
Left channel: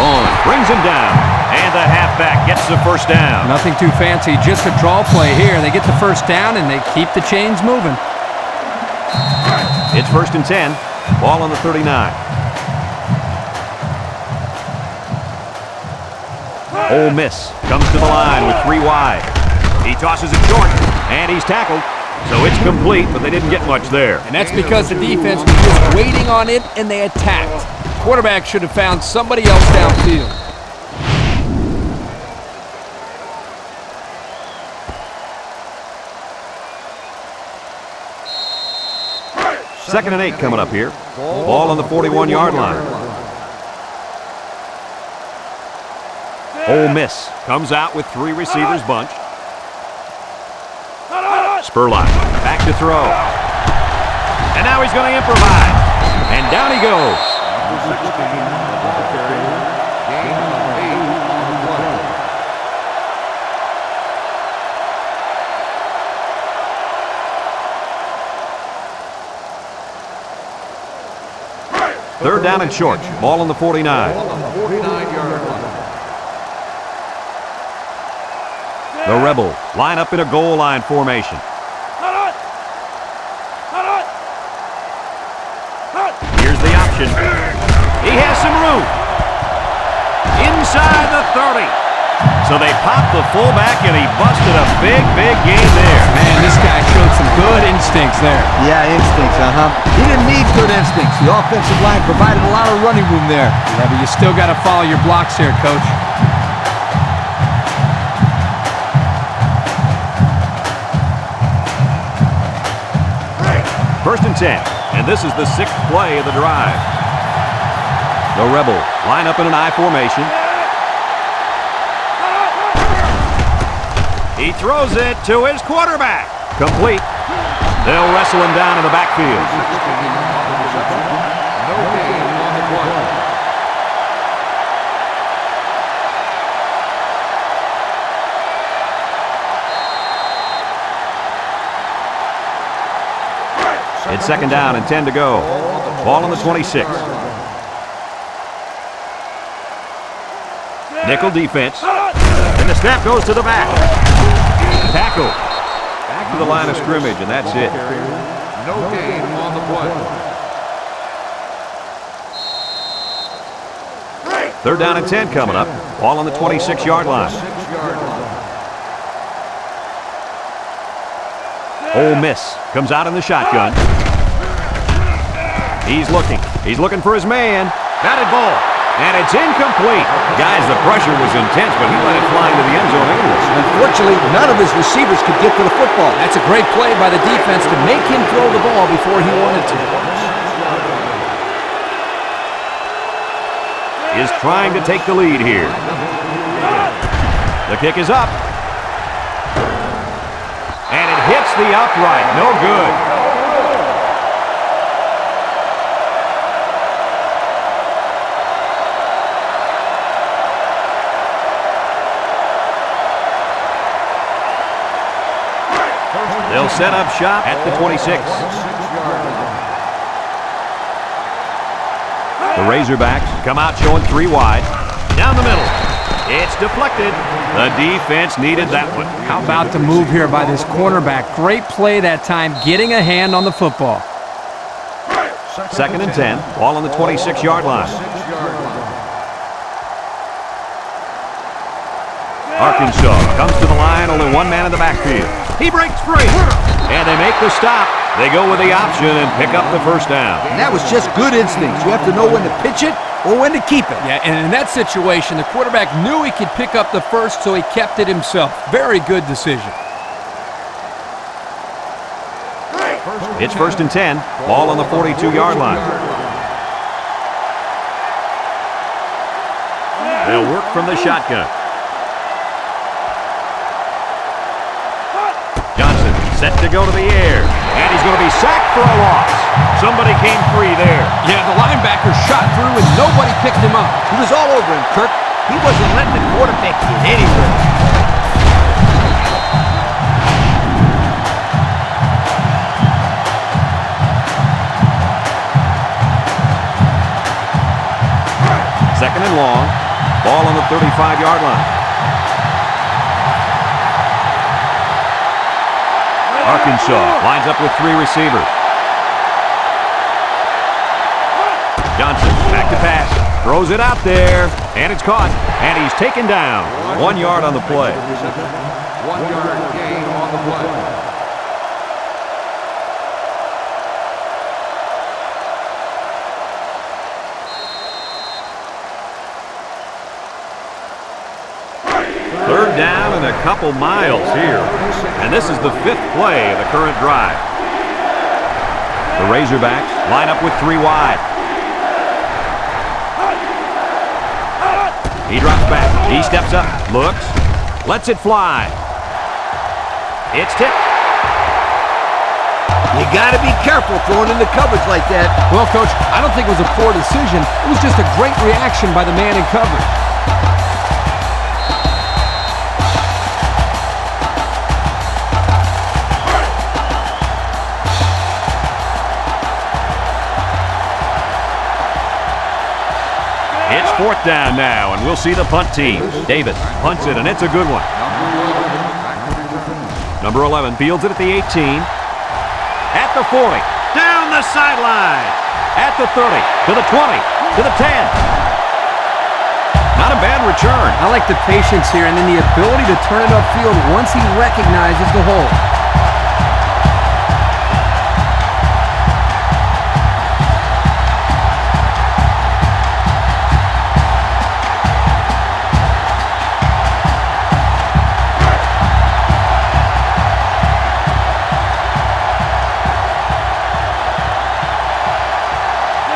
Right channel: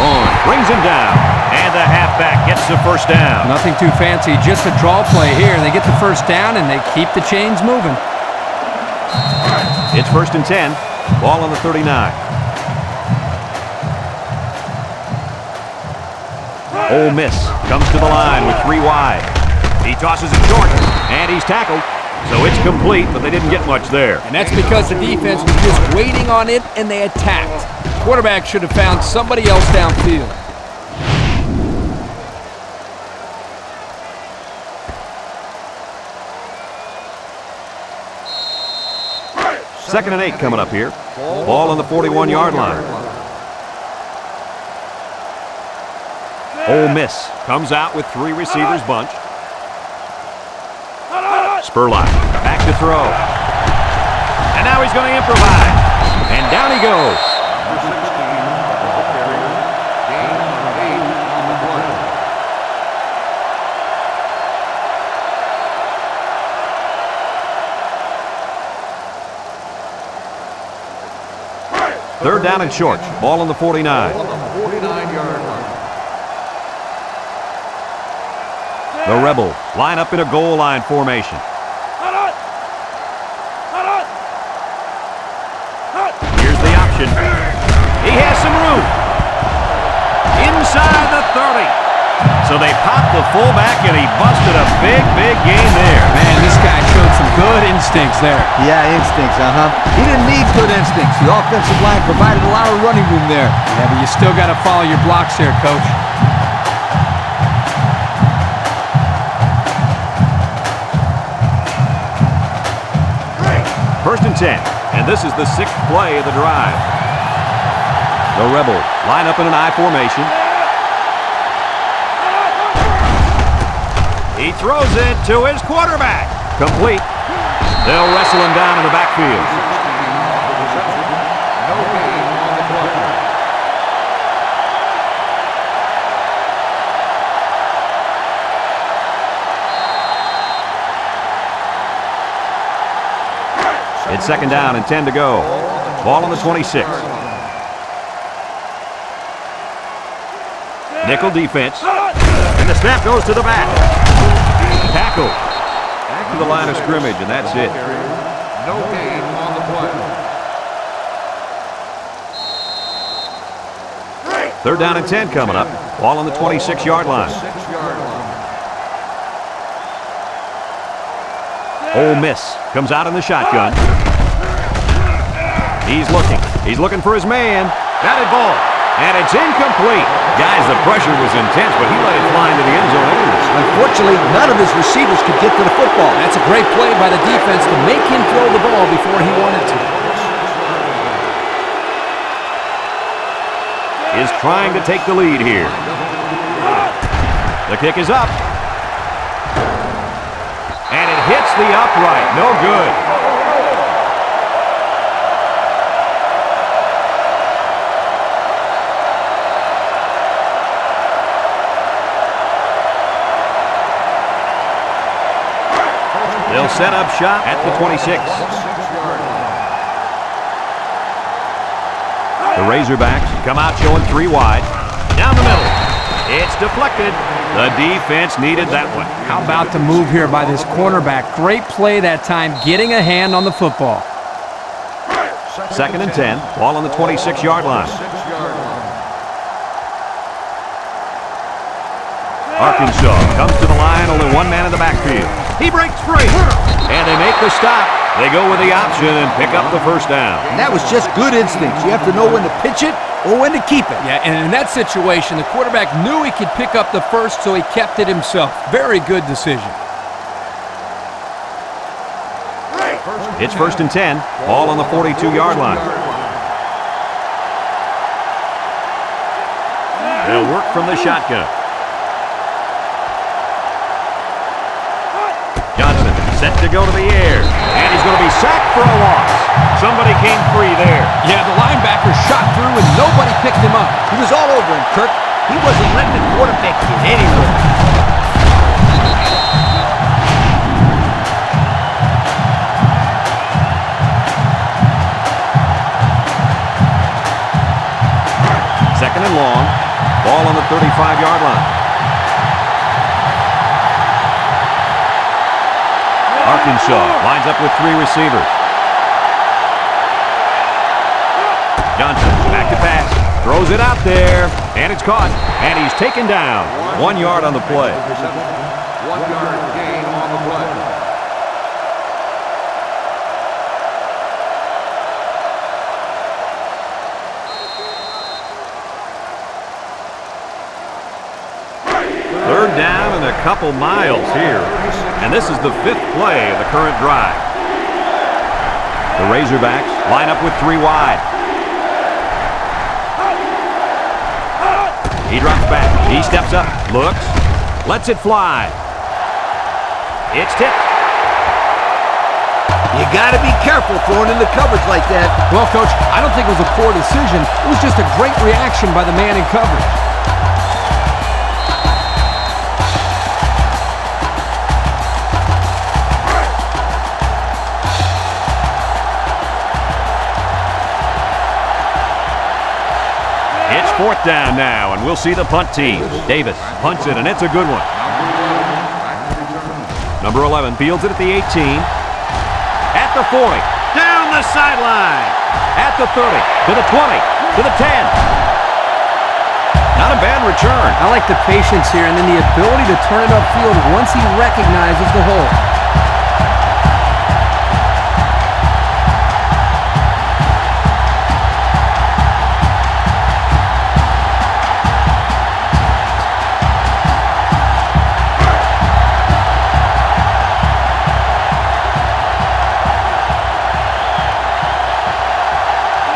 Vaughn brings him down. And the halfback gets the first down. Nothing too fancy, just a draw play here. They get the first down and they keep the chains moving. It's 1st and 10. Ball on the 39. Ole Miss comes to the line with 3 wide. He tosses it short, and he's tackled. So it's complete, but they didn't get much there. And that's because the defense was just waiting on it and they attacked. Quarterback should have found somebody else downfield. Second and 8 coming up here. Ball on the 41-yard line. Ole Miss comes out with 3 receivers bunched. Spurlock back to throw. And now he's going to improvise. And down he goes. Number 16, the ball carrier. Gain of 8 on the play. Third down and short. Ball on the 49. On the 49-yard line. The Rebels line up in a goal line formation. Here's the option. He has some room. Inside the 30. So they popped the fullback and he busted a big game there. Man, this guy showed some good instincts there. Yeah, instincts, He didn't need good instincts. The offensive line provided a lot of running room there. Yeah, but you still got to follow your blocks here, Coach. First and 10, and this is the 6th play of the drive. The Rebels line up in an I formation. He throws it to his quarterback. Complete. They'll wrestle him down in the backfield. 16 on the reception. No gain on the play. It's 2nd down and 10 to go. Ball on the 26. Nickel defense. And the snap goes to the back. Tackle. Back to the line of scrimmage, and that's it. No gain on the play. Third down and 10 coming up. Ball on the 26-yard line. 26-yard line. Ole Miss comes out in the shotgun. He's looking for his man. Batted ball. And it's incomplete. Guys, the pressure was intense, but he let it fly into the end zone anyway. Unfortunately, none of his receivers could get to the football. That's a great play by the defense to make him throw the ball before he wanted to. Is trying to take the lead here. The kick is up. And it hits the upright. No good. They'll set up shop at the 26. 26-yard line. The Razorbacks come out showing 3 wide. Down the middle. It's deflected. The defense needed that one. How about the move here by this cornerback? Great play that time, getting a hand on the football. Second and 10. Ball on the 26-yard line. 26-yard line. Arkansas comes to the line, only one man in the backfield. He breaks free, and they make the stop. They go with the option and pick up the first down. And that was just good instincts. You have to know when to pitch it or when to keep it. Yeah, and in that situation, the quarterback knew he could pick up the first, so he kept it himself. Very good decision. It's first and 10. Ball on the 42-yard line. They'll work from the shotgun. Johnson set to go to the air, and he's going to be sacked for a loss. Somebody came free there. Yeah, the linebacker shot through and nobody picked him up. He was all over him, Kirk. He wasn't letting the quarterback get anywhere. Second and long. Ball on the 35-yard line. Arkansas lines up with 3 receivers. Johnson back to pass. Throws it out there. And it's caught. And he's taken down. 1 yard on the play. 1 yard gain on the play. Third down and a couple miles here. And this is the 5th play of the current drive. The Razorbacks line up with 3 wide. He drops back. He steps up. Looks. Lets it fly. It's tipped. You got to be careful throwing in the coverage like that. Well, Coach, I don't think it was a poor decision. It was just a great reaction by the man in coverage. It's 4th down now, and we'll see the punt team. Davis punts it, and it's a good one. Number 11, back to return. Number 11 fields it at the 18. At the 40. Down the sideline. At the 30. To the 20. To the 10. Not a bad return. I like the patience here and then the ability to turn it upfield once he recognizes the hole.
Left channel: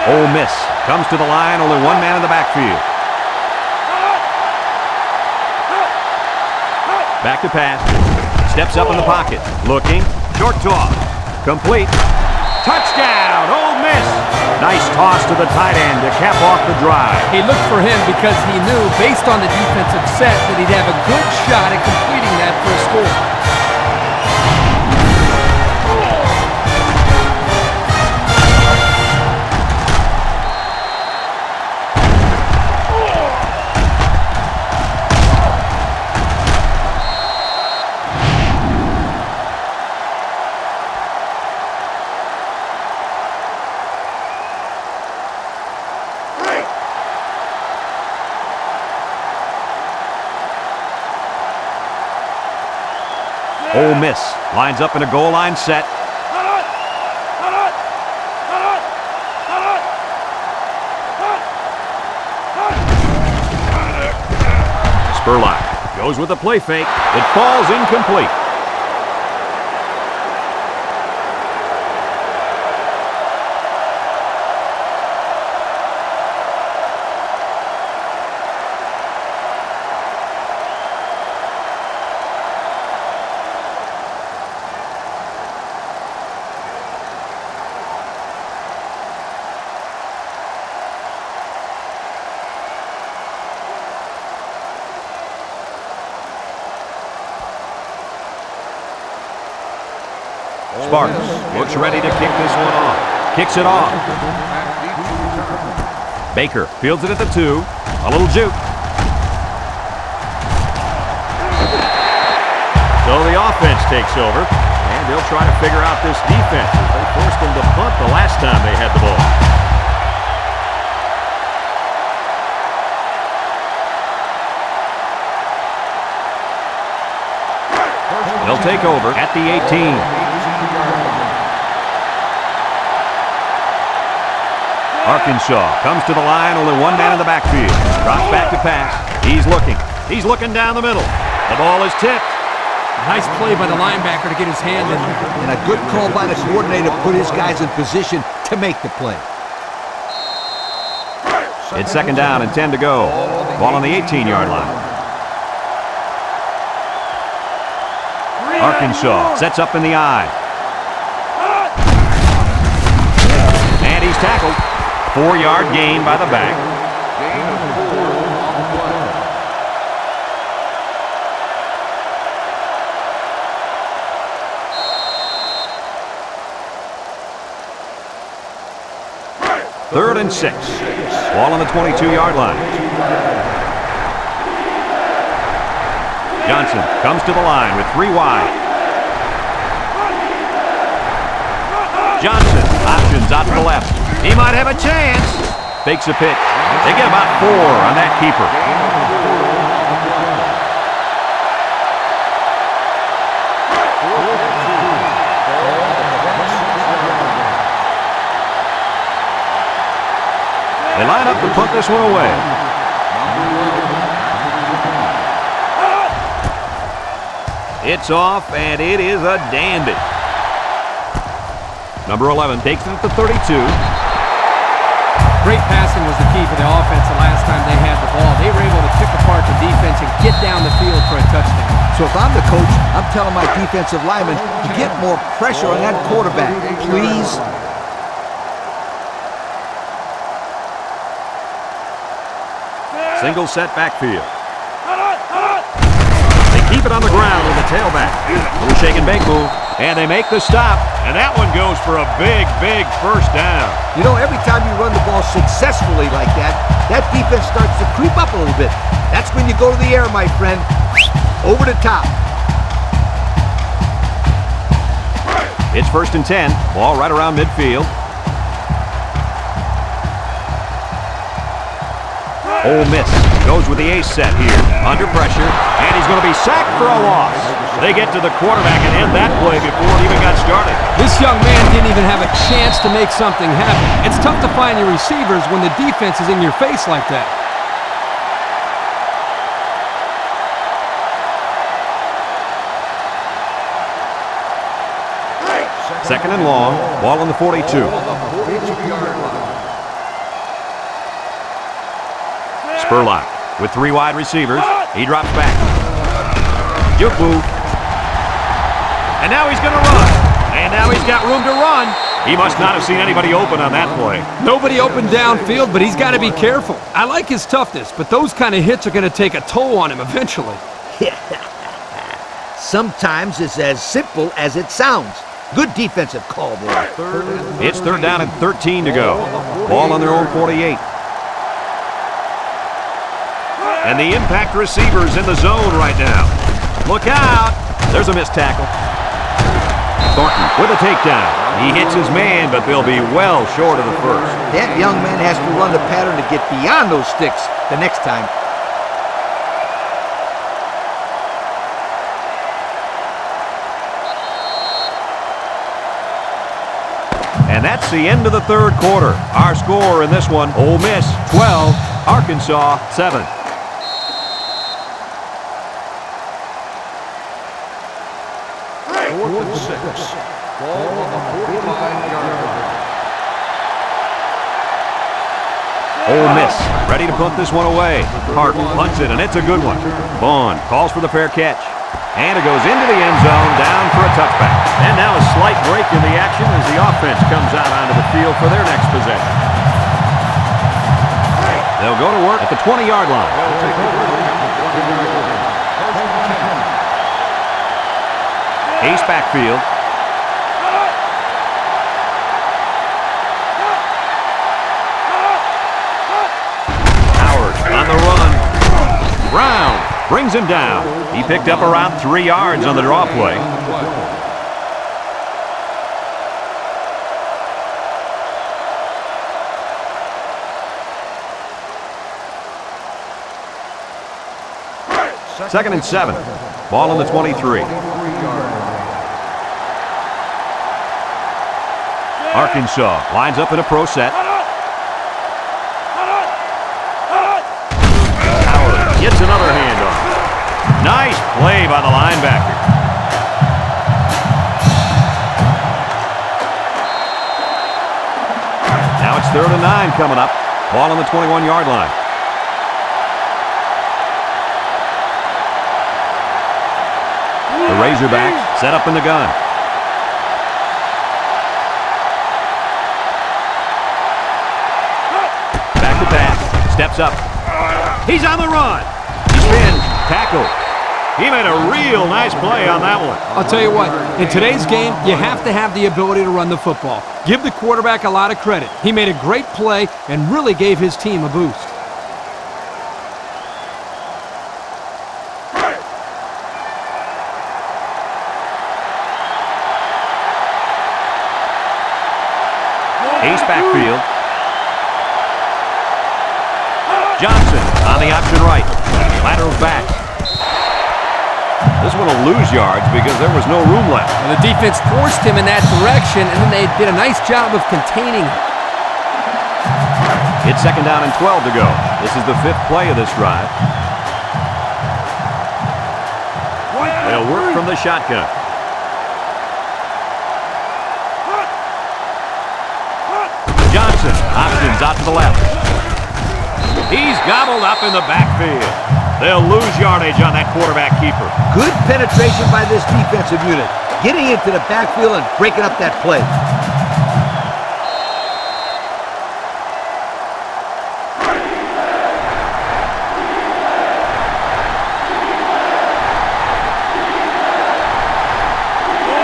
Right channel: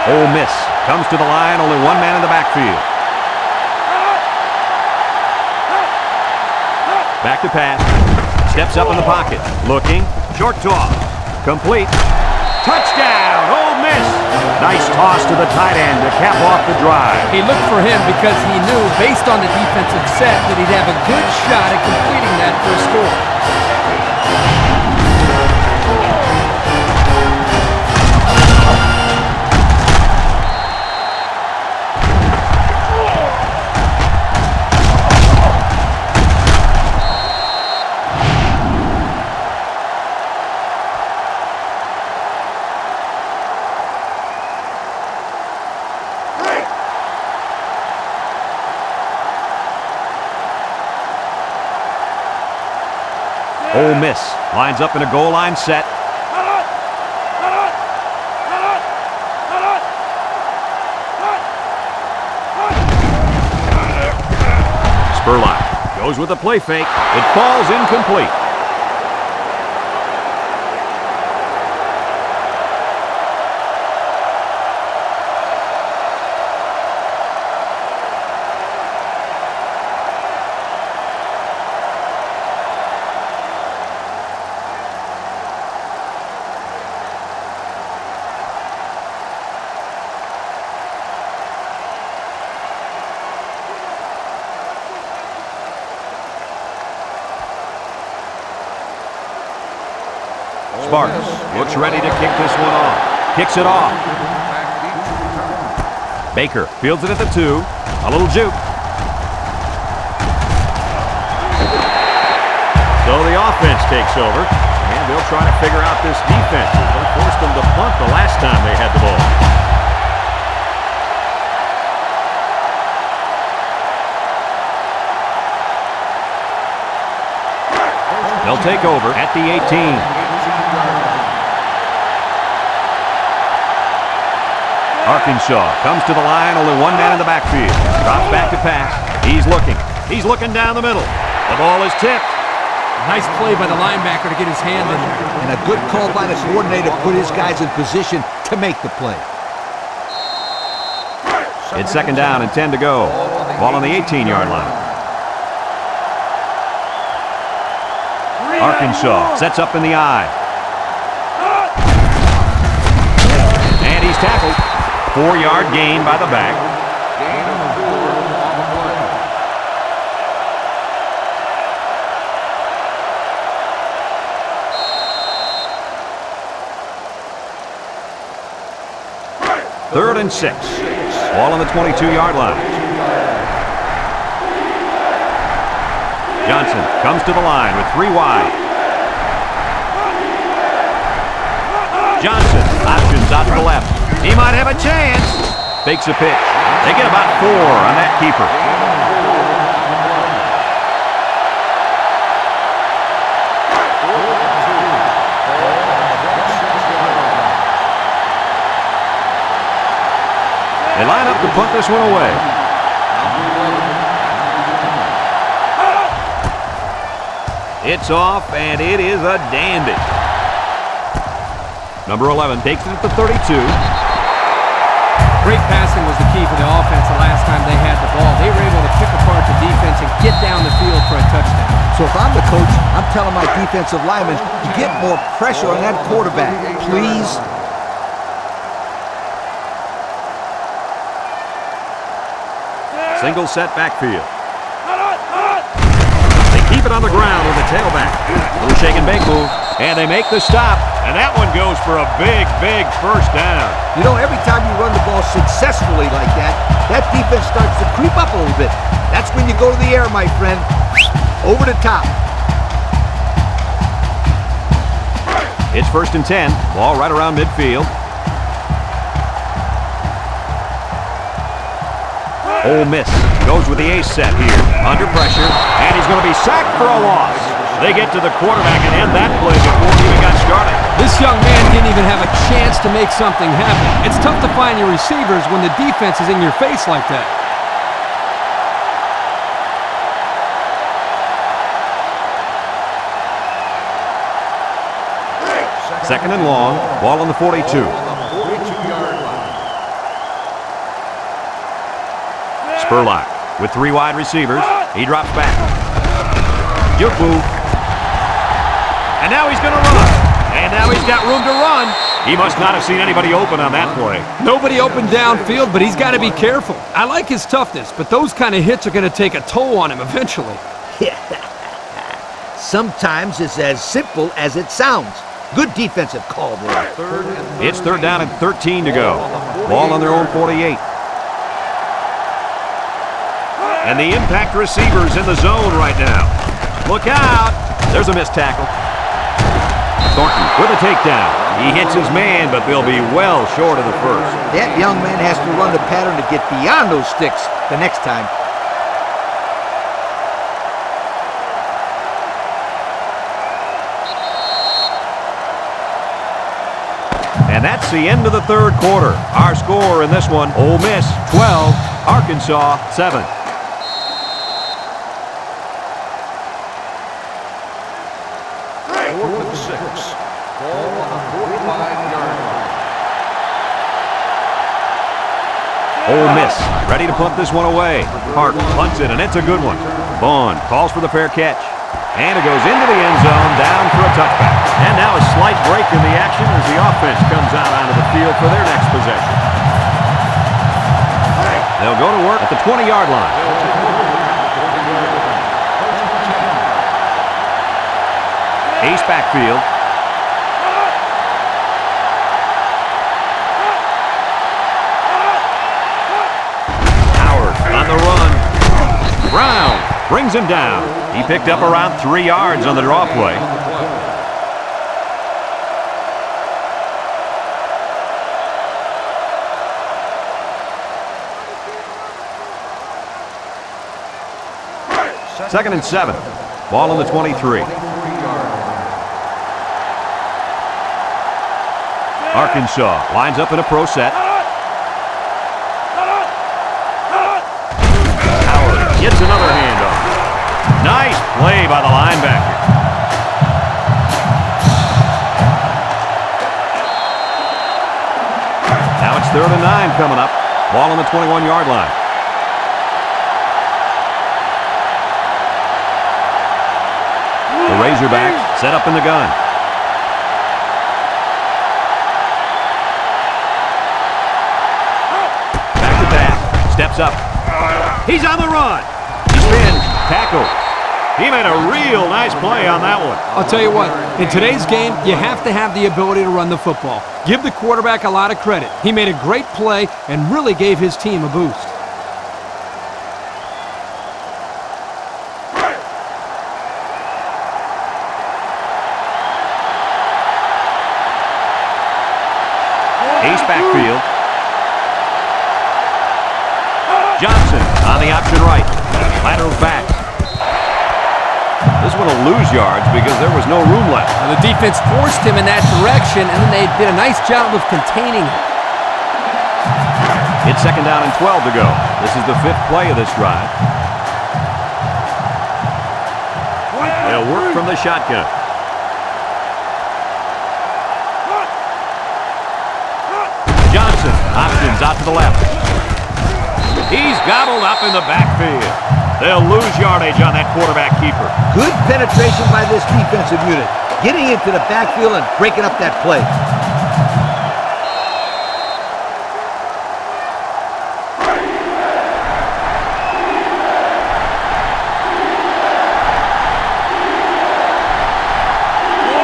Ole Miss comes to the line, only one man in the backfield. Back to pass. Steps up in the pocket. Looking. Short toss. Complete. Touchdown, Ole Miss. Nice toss to the tight end to cap off the drive. He looked for him because he knew, based on the defensive set, that he'd have a good shot at completing that for a score. Ole Miss lines up in a goal line set. Spurlock goes with a play fake. It falls incomplete. Sparks looks ready to kick this one off. Kicks it off. Back deep to return. Baker fields it at the 2. A little juke. So the offense takes over, and they'll try to figure out this defense as they forced them to punt the last time they had the ball. They'll take over at the 18. 18-yard line. Arkansas comes to the line, only one man in the backfield. Drops back to pass. He's looking. He's looking down the middle. The ball is tipped. Nice play by the linebacker to get his hand in there. And a good call by the coordinator to put his guys in position to make the play. It's second down and 10 to go. Ball on the 18-yard line. Arkansas sets up in the eye. And he's tackled. 4-yard gain by the back. Gain of 4 on the play. Third and 6. Ball on the 22-yard line. Johnson comes to the line with 3 wide. Johnson options out to the left. He might have a chance. Fakes a pitch. They get about 4 on that keeper. Gain of 4 on the play. 4th and 2. Ball on the 26-yard line. They line up to punt this one away. Number 11. Back to return. It's off, and it is a dandy. Number 11 takes it at the 32. Great passing was the key for the offense the last time they had the ball. They were able to pick apart the defense and get down the field for a touchdown. So if I'm the coach, I'm telling my defensive linemen to get more pressure on that quarterback, please. Single set backfield. They keep it on the ground with the tailback. Little shake and bake move. And they make the stop. And that one goes for a big, big first down. You know, every time you run the ball successfully like that, that defense starts to creep up a little bit. That's when you go to the air, my friend. Over the top. It's first and 10. Ball right around midfield. Ole Miss goes with the ace set here. Under pressure. And he's going to be sacked for a loss. They get to the quarterback and end that play before it even got started. This young man didn't even have a chance to make something happen. It's tough to find your receivers when the defense is in your face like that. Second and long. Ball on the 42. Ball on the 42-yard line. Spurlock with 3 wide receivers. He drops back. Juke move. And now he's going to run. And now he's got room to run. He must not have seen anybody open on that play. Nobody opened downfield, but he's got to be careful. I like his toughness, but those kind of hits are going to take a toll on him eventually. Sometimes it's as simple as it sounds. Good defensive call there. It's third down and 13 to go. Ball on their own 48. And the impact receiver's in the zone right now. Look out. There's a missed tackle. Thornton with a takedown. He hits his man, but they'll be well short of the first. That young man has to run the pattern to get beyond those sticks the next time. that's the end of the third quarter. Our score in this one, Ole Miss 12, Arkansas 7. Fourth and 6. Ball on the 45-yard line. Ole Miss ready to punt this one away. Hart punts it, and it's a good one. Vaughn calls for the fair catch. And it goes into the end zone, down for a touchback. And now a slight break in the action as the offense comes out onto the field for their next possession. They'll go to work at the 20-yard line. They'll take over at the 20-yard line. First and 10. Ace backfield. Howard on the run. Brown brings him down. He picked up around 3 yards on the draw play. Second and 7. Ball on the 23. Arkansas lines up in a pro set. Howard gets another handoff. Nice play by the linebacker. Now it's 3rd and 9 coming up. Ball on the 21-yard line. The Razorbacks set up in the gun. Back to pass. Steps up. He's on the run. He spins. Tackled. He made a real nice play on that one. I'll tell you what, in today's game, you have to have the ability to run the football. Give the quarterback a lot of credit. He made a great play and really gave his team a boost. Ace backfield. Johnson on the option right. Laterals back. This one will lose yards because there was no room left. Well, the defense forced him in that direction, and then they did a nice job of containing him. It's 2nd down and 12 to go. This is the 5th play of this drive. They'll work from the shotgun. Johnson options out to the left. He's gobbled up in the backfield. They'll lose yardage on that quarterback keeper. Good penetration by this defensive unit, getting into the backfield and breaking up that play.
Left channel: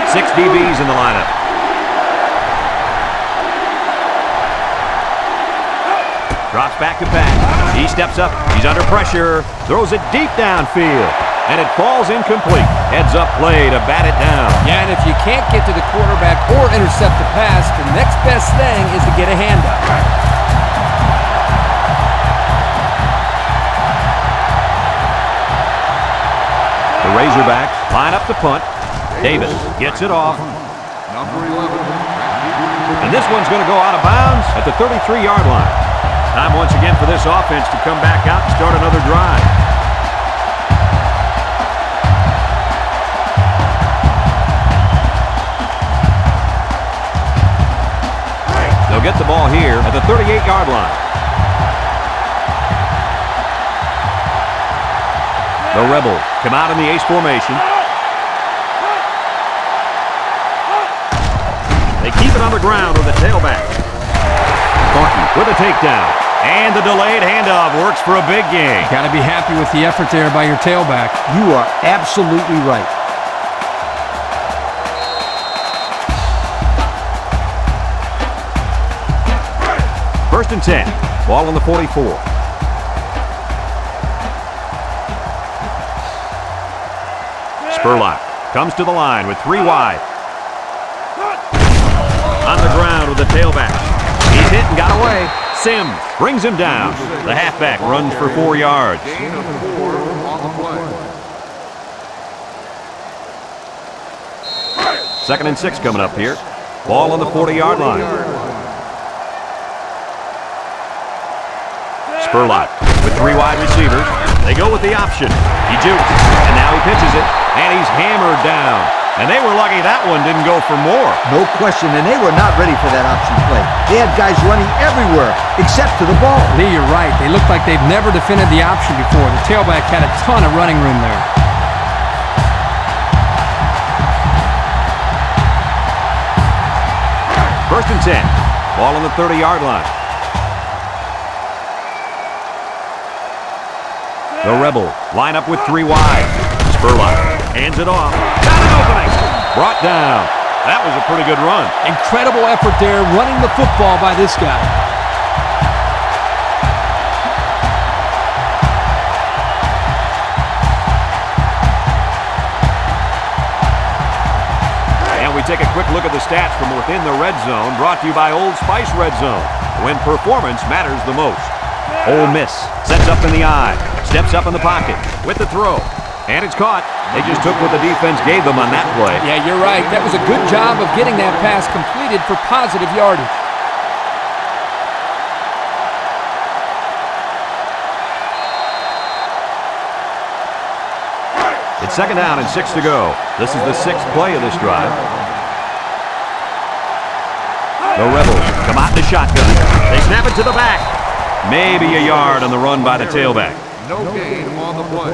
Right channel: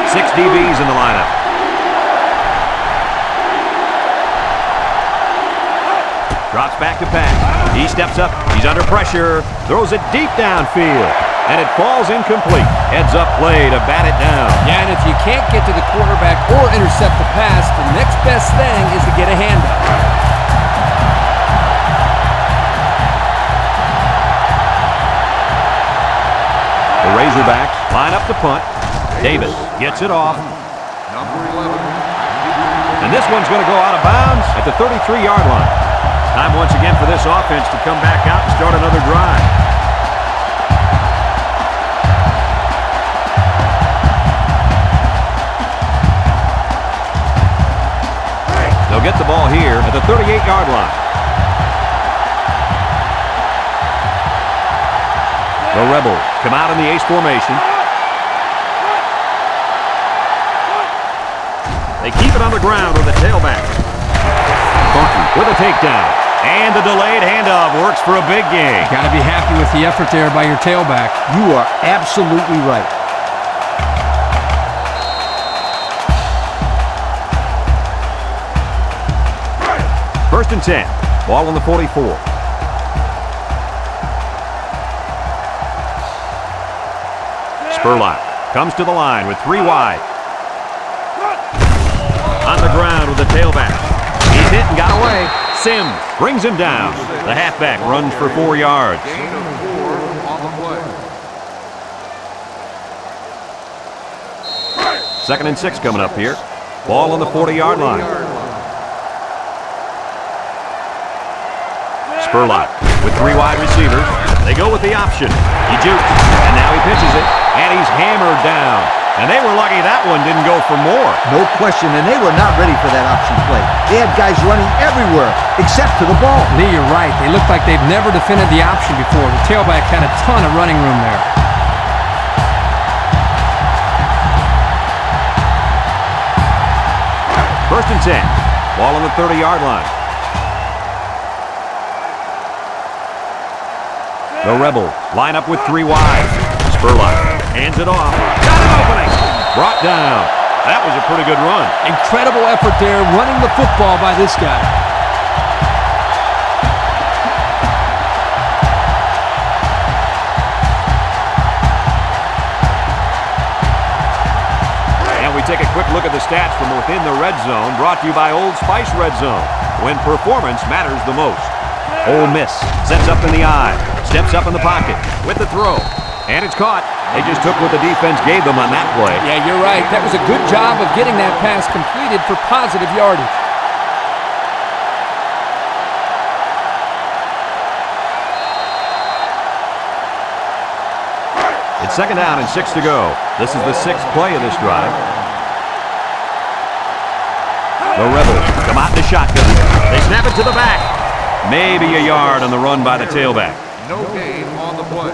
Six DBs in the lineup. Drops back to pass. He steps up. He's under pressure. Throws it deep downfield. And it falls incomplete. Heads up play to bat it down. Yeah, and if you can't get to the quarterback or intercept the pass, the next best thing is to get a handoff. The Razorbacks line up to punt. Davis gets it off. Number 11. And this one's going to go out of bounds at the 33-yard line. Time once again for this offense to come back out and start another drive. They'll get the ball here at the 38-yard line. The Rebels come out in the ace formation. They keep it on the ground with the tailback. Thornton with a takedown. And the delayed handoff works for a big gain. Got to be happy with the effort there by your tailback. You are absolutely right. First and 10. Ball on the 44. Spurlock comes to the line with 3 wide. On the ground with the tailback. He's hit and got away. Sims brings him down. The halfback runs for 4 yards. Gain of 4 on the play. 2nd and 6 coming up here. Ball on the 40-yard line. Spurlock with 3 wide receivers. They go with the option. He jukes, and now he pitches it, and he's hammered down. And they were lucky that one didn't go for more. No question, and they were not ready for that option play. They had guys running everywhere except to the ball. Lee, you're right. They look like they've never defended the option before. The tailback had a ton of running room there. First and 10. Ball on the 30-yard line. The Rebels line up with 3 wide. Spurlock hands it off. Got an opening. Brought down. That was a pretty good run. Incredible effort there running the football by this guy. And we take a quick look at the stats from within the red zone, brought to you by Old Spice Red Zone, when performance matters the most. Ole Miss sets up in the eye, steps up in the pocket with the throw, and it's caught. They just took what the defense gave them on that play. Yeah, you're right. That was a good job of getting that pass completed for positive yardage. It's 2nd down and 6 to go. This is the 6th play of this drive. The Rebels come out in the shotgun. They snap it to the back. Maybe a yard on the run by the tailback. No gain on the play.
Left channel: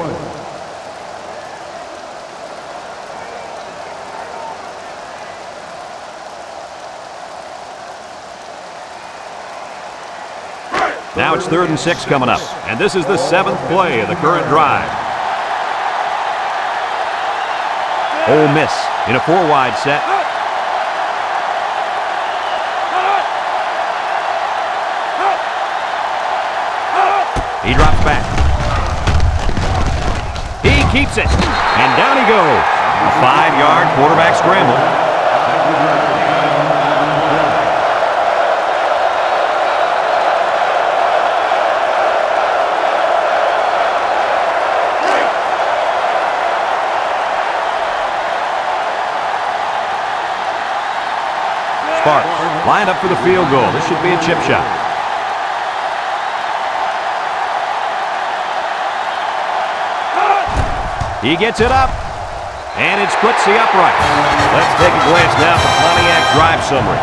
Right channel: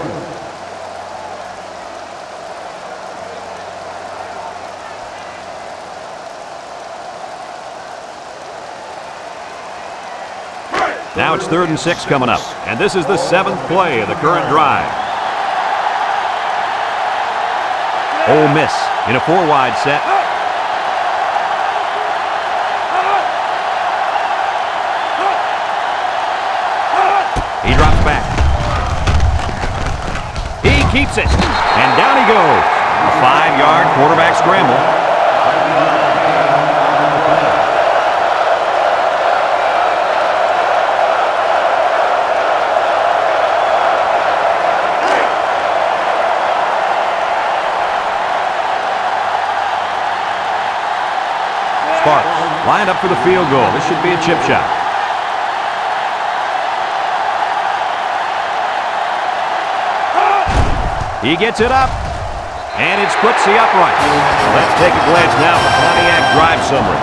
Now it's 3rd and 6 coming up, and this is the 7th play of the current drive. Ole Miss in a 4-wide set. He drops back. He keeps it, and down he goes. A 5-yard quarterback scramble. Sparks lined up for the field goal. This should be a chip shot. He gets it up, and it splits the upright. Let's take a glance now at the Pontiac drive summary.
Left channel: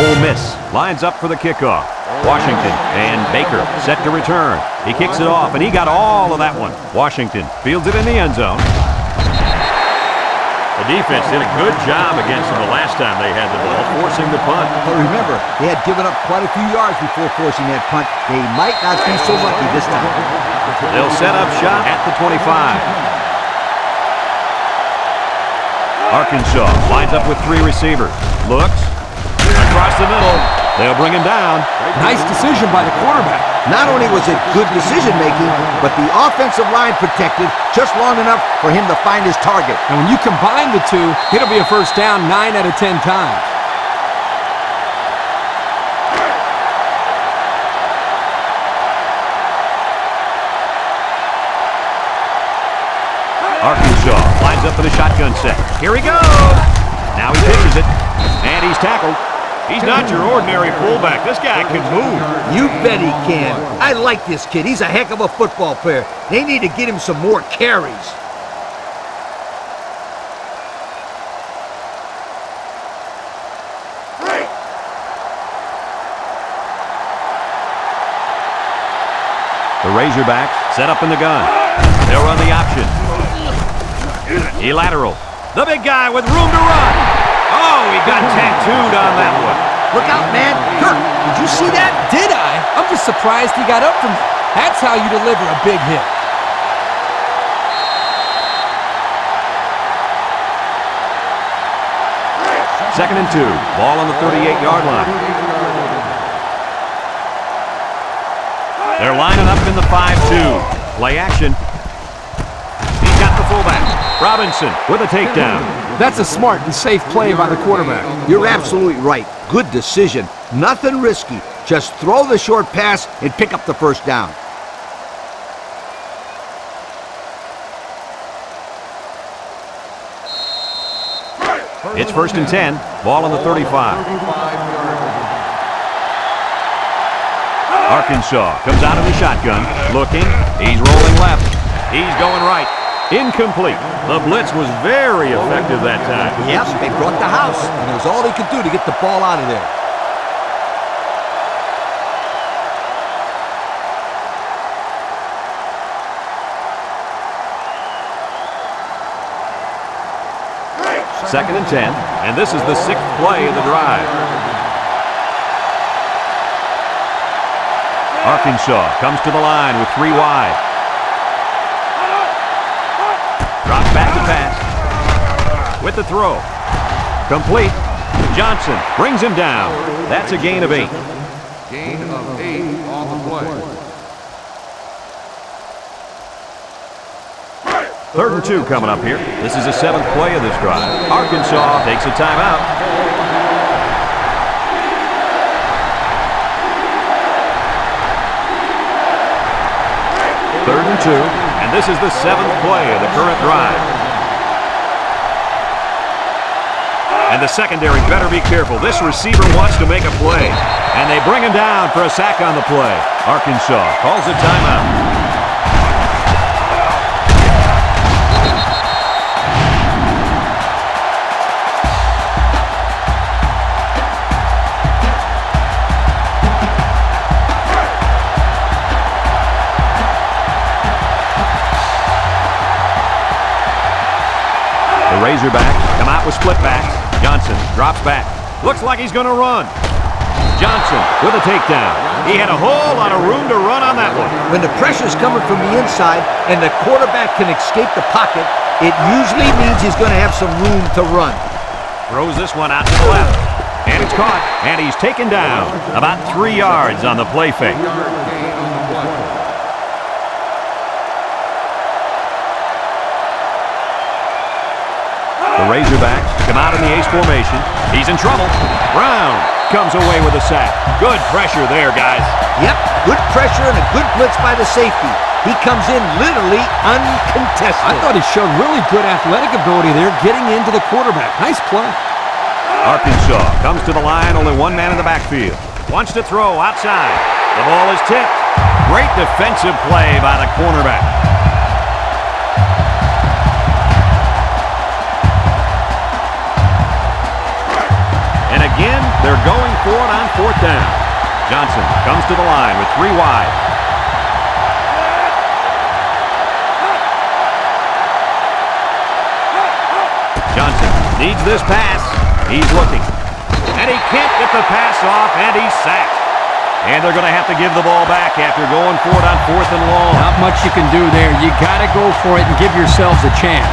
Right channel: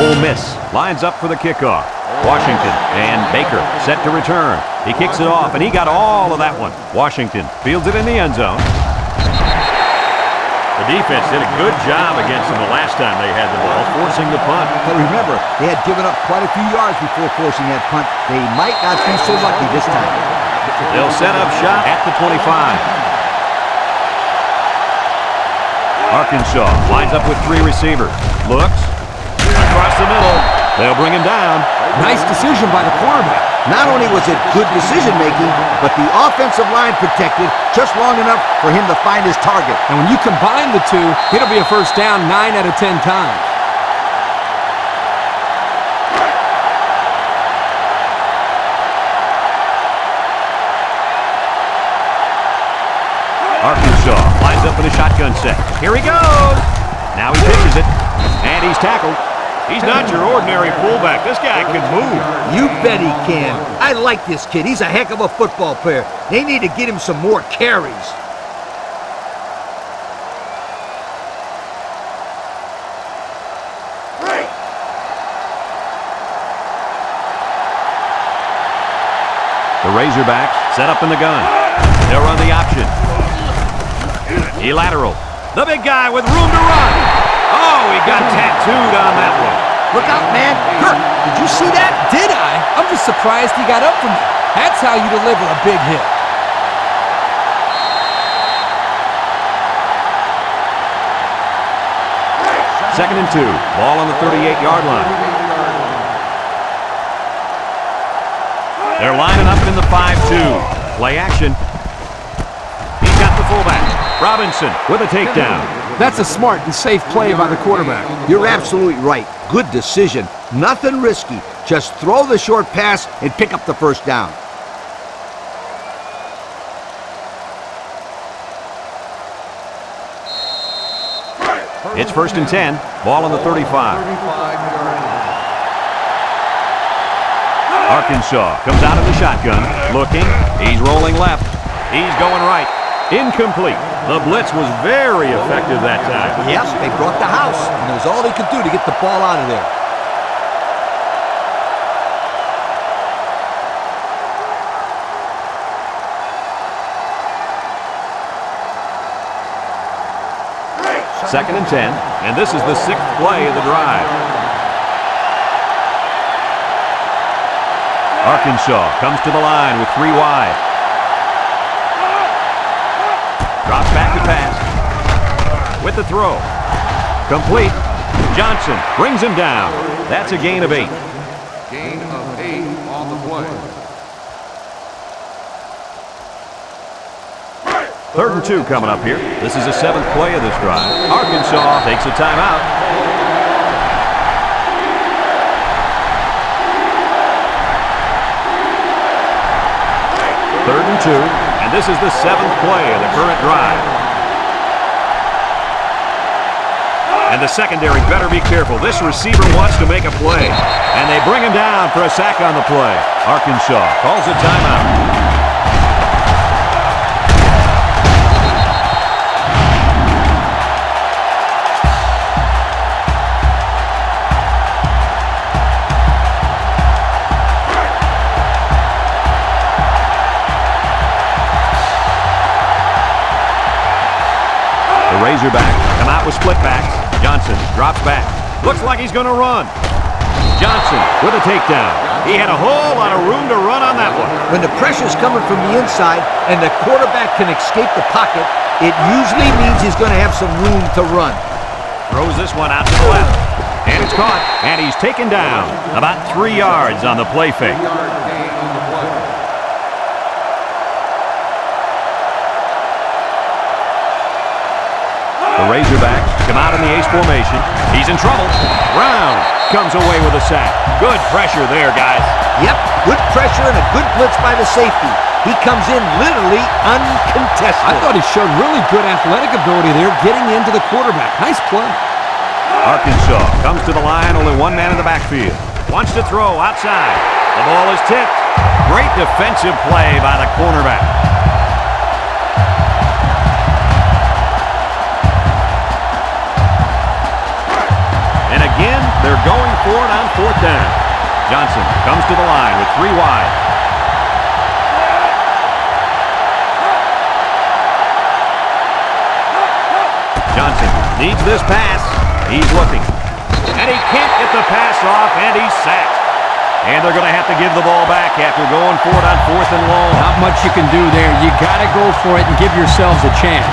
Ole Miss lines up for the kickoff. Washington and Baker set to return. He kicks it off, and he got all of that one. Washington fields it in the end zone. The defense did a good job against them the last time they had the ball, forcing the punt. But remember, they had given up quite a few yards before forcing that punt. They might not be so lucky this time. They'll set up shop at the 25. Arkansas lines up with 3 receivers. Looks. Across the middle. They'll bring him down. Nice decision by the quarterback. Not only was it good decision-making, but the offensive line protected just long enough for him to find his target. And when you combine the two, it'll be a first down 9 out of 10 times. Arkansas lines up in a shotgun set. Here he goes. Now he pitches it, and he's tackled. He's not your ordinary fullback. This guy can move. You bet he can. I like this kid. He's a heck of a football player. They need to get him some more carries. The Razorbacks set up in the gun. They'll run the option. He laterals. The big guy with room to run. Oh, he got tattooed on that one. Look out, man. Kirk, did you see that? Did I? I'm just surprised he got up from that. That's how you deliver a big hit. Second and 2. Ball on the 38-yard line. 5-2. Play action. He's got the fullback. Robinson with a takedown. That's a smart and safe play by the quarterback. You're absolutely right. Good decision. Nothing risky. Just throw the short pass and pick up the first down. It's 1st and 10. Ball on the 35. Arkansas comes out of the shotgun. Looking. He's rolling left. He's going right. Incomplete. The blitz was very effective that time. Yep, they brought the house, and it was all they could do to get the ball out of there. Second and 10, and this is the 6th play of the drive. Arkansas comes to the line with 3 wide. Drops back to pass. With the throw. Complete. Johnson brings him down. That's a gain of 8. Gain of 8 on the play. 3rd and 2 coming up here. This is the 7th play of this drive. Arkansas takes a timeout. Third and 2, and this is the 7th play of the current drive. And the secondary better be careful. This receiver wants to make a play, and they bring him down for a sack on the play. Arkansas calls a timeout. Razorbacks come out with split backs. Johnson drops back. Looks like he's going to run. Johnson with a takedown. He had a whole lot of room to run on that one. When the pressure's coming from the inside and the quarterback can escape the pocket, it usually means he's going to have some room to run. Throws this one out to the left. And it's caught. And he's taken down. About 3 yards on the play fake. The Razorbacks come out in the ace formation. He's in trouble. Brown comes away with a sack. Good pressure there, guys. Yep, good pressure and a good blitz by the safety. He comes in literally uncontested. I thought he showed really good athletic ability there getting into the quarterback. Nice play. Arkansas comes to the line, only one man in the backfield. Wants to throw outside. The ball is tipped. Great defensive play by the cornerback. And again, they're going for it on 4th down. Johnson comes to the line with 3 wide. Johnson needs this pass. He's looking. And he can't get the pass off, and he's sacked. And they're going to have to give the ball back after going for it on 4th and long. Not much you can do there. You got to go for it and give yourselves a chance.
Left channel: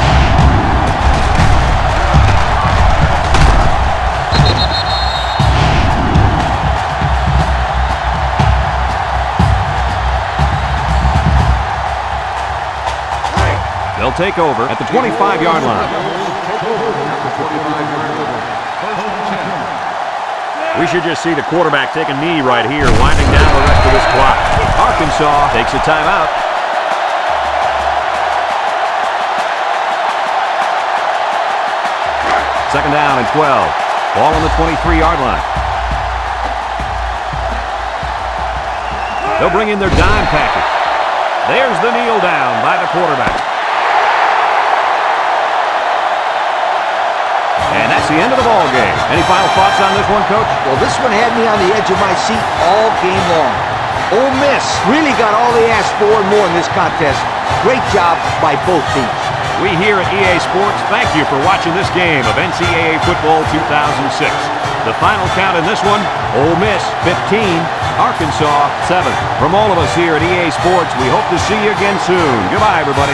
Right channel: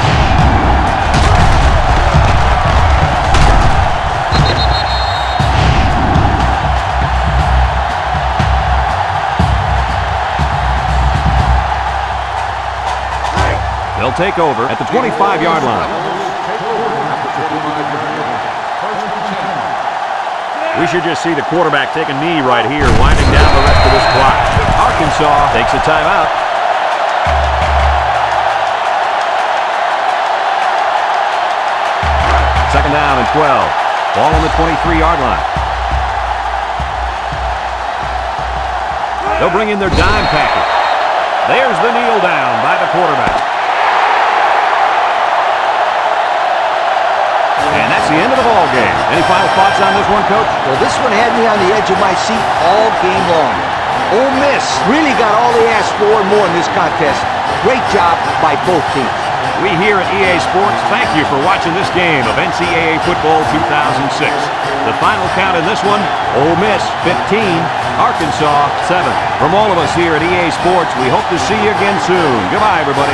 They'll take over at the 25-yard line. Take over at the 25-yard line. 1st and 10. We should just see the quarterback take a knee right here, winding down the rest of this clock. Arkansas takes a timeout. Second down and 12. Ball on the 23-yard line. They'll bring in their dime package. There's the kneel down by the quarterback. And that's the end of the ball game. Any final thoughts on this one, Coach? Well, this one had me on the edge of my seat all game long. Ole Miss really got all they asked for and more in this contest. Great job by both teams. We here at EA Sports thank you for watching this game of NCAA Football 2006. The final count in this one, Ole Miss 15, Arkansas 7. From all of us here at EA Sports, we hope to see you again soon. Goodbye, everybody.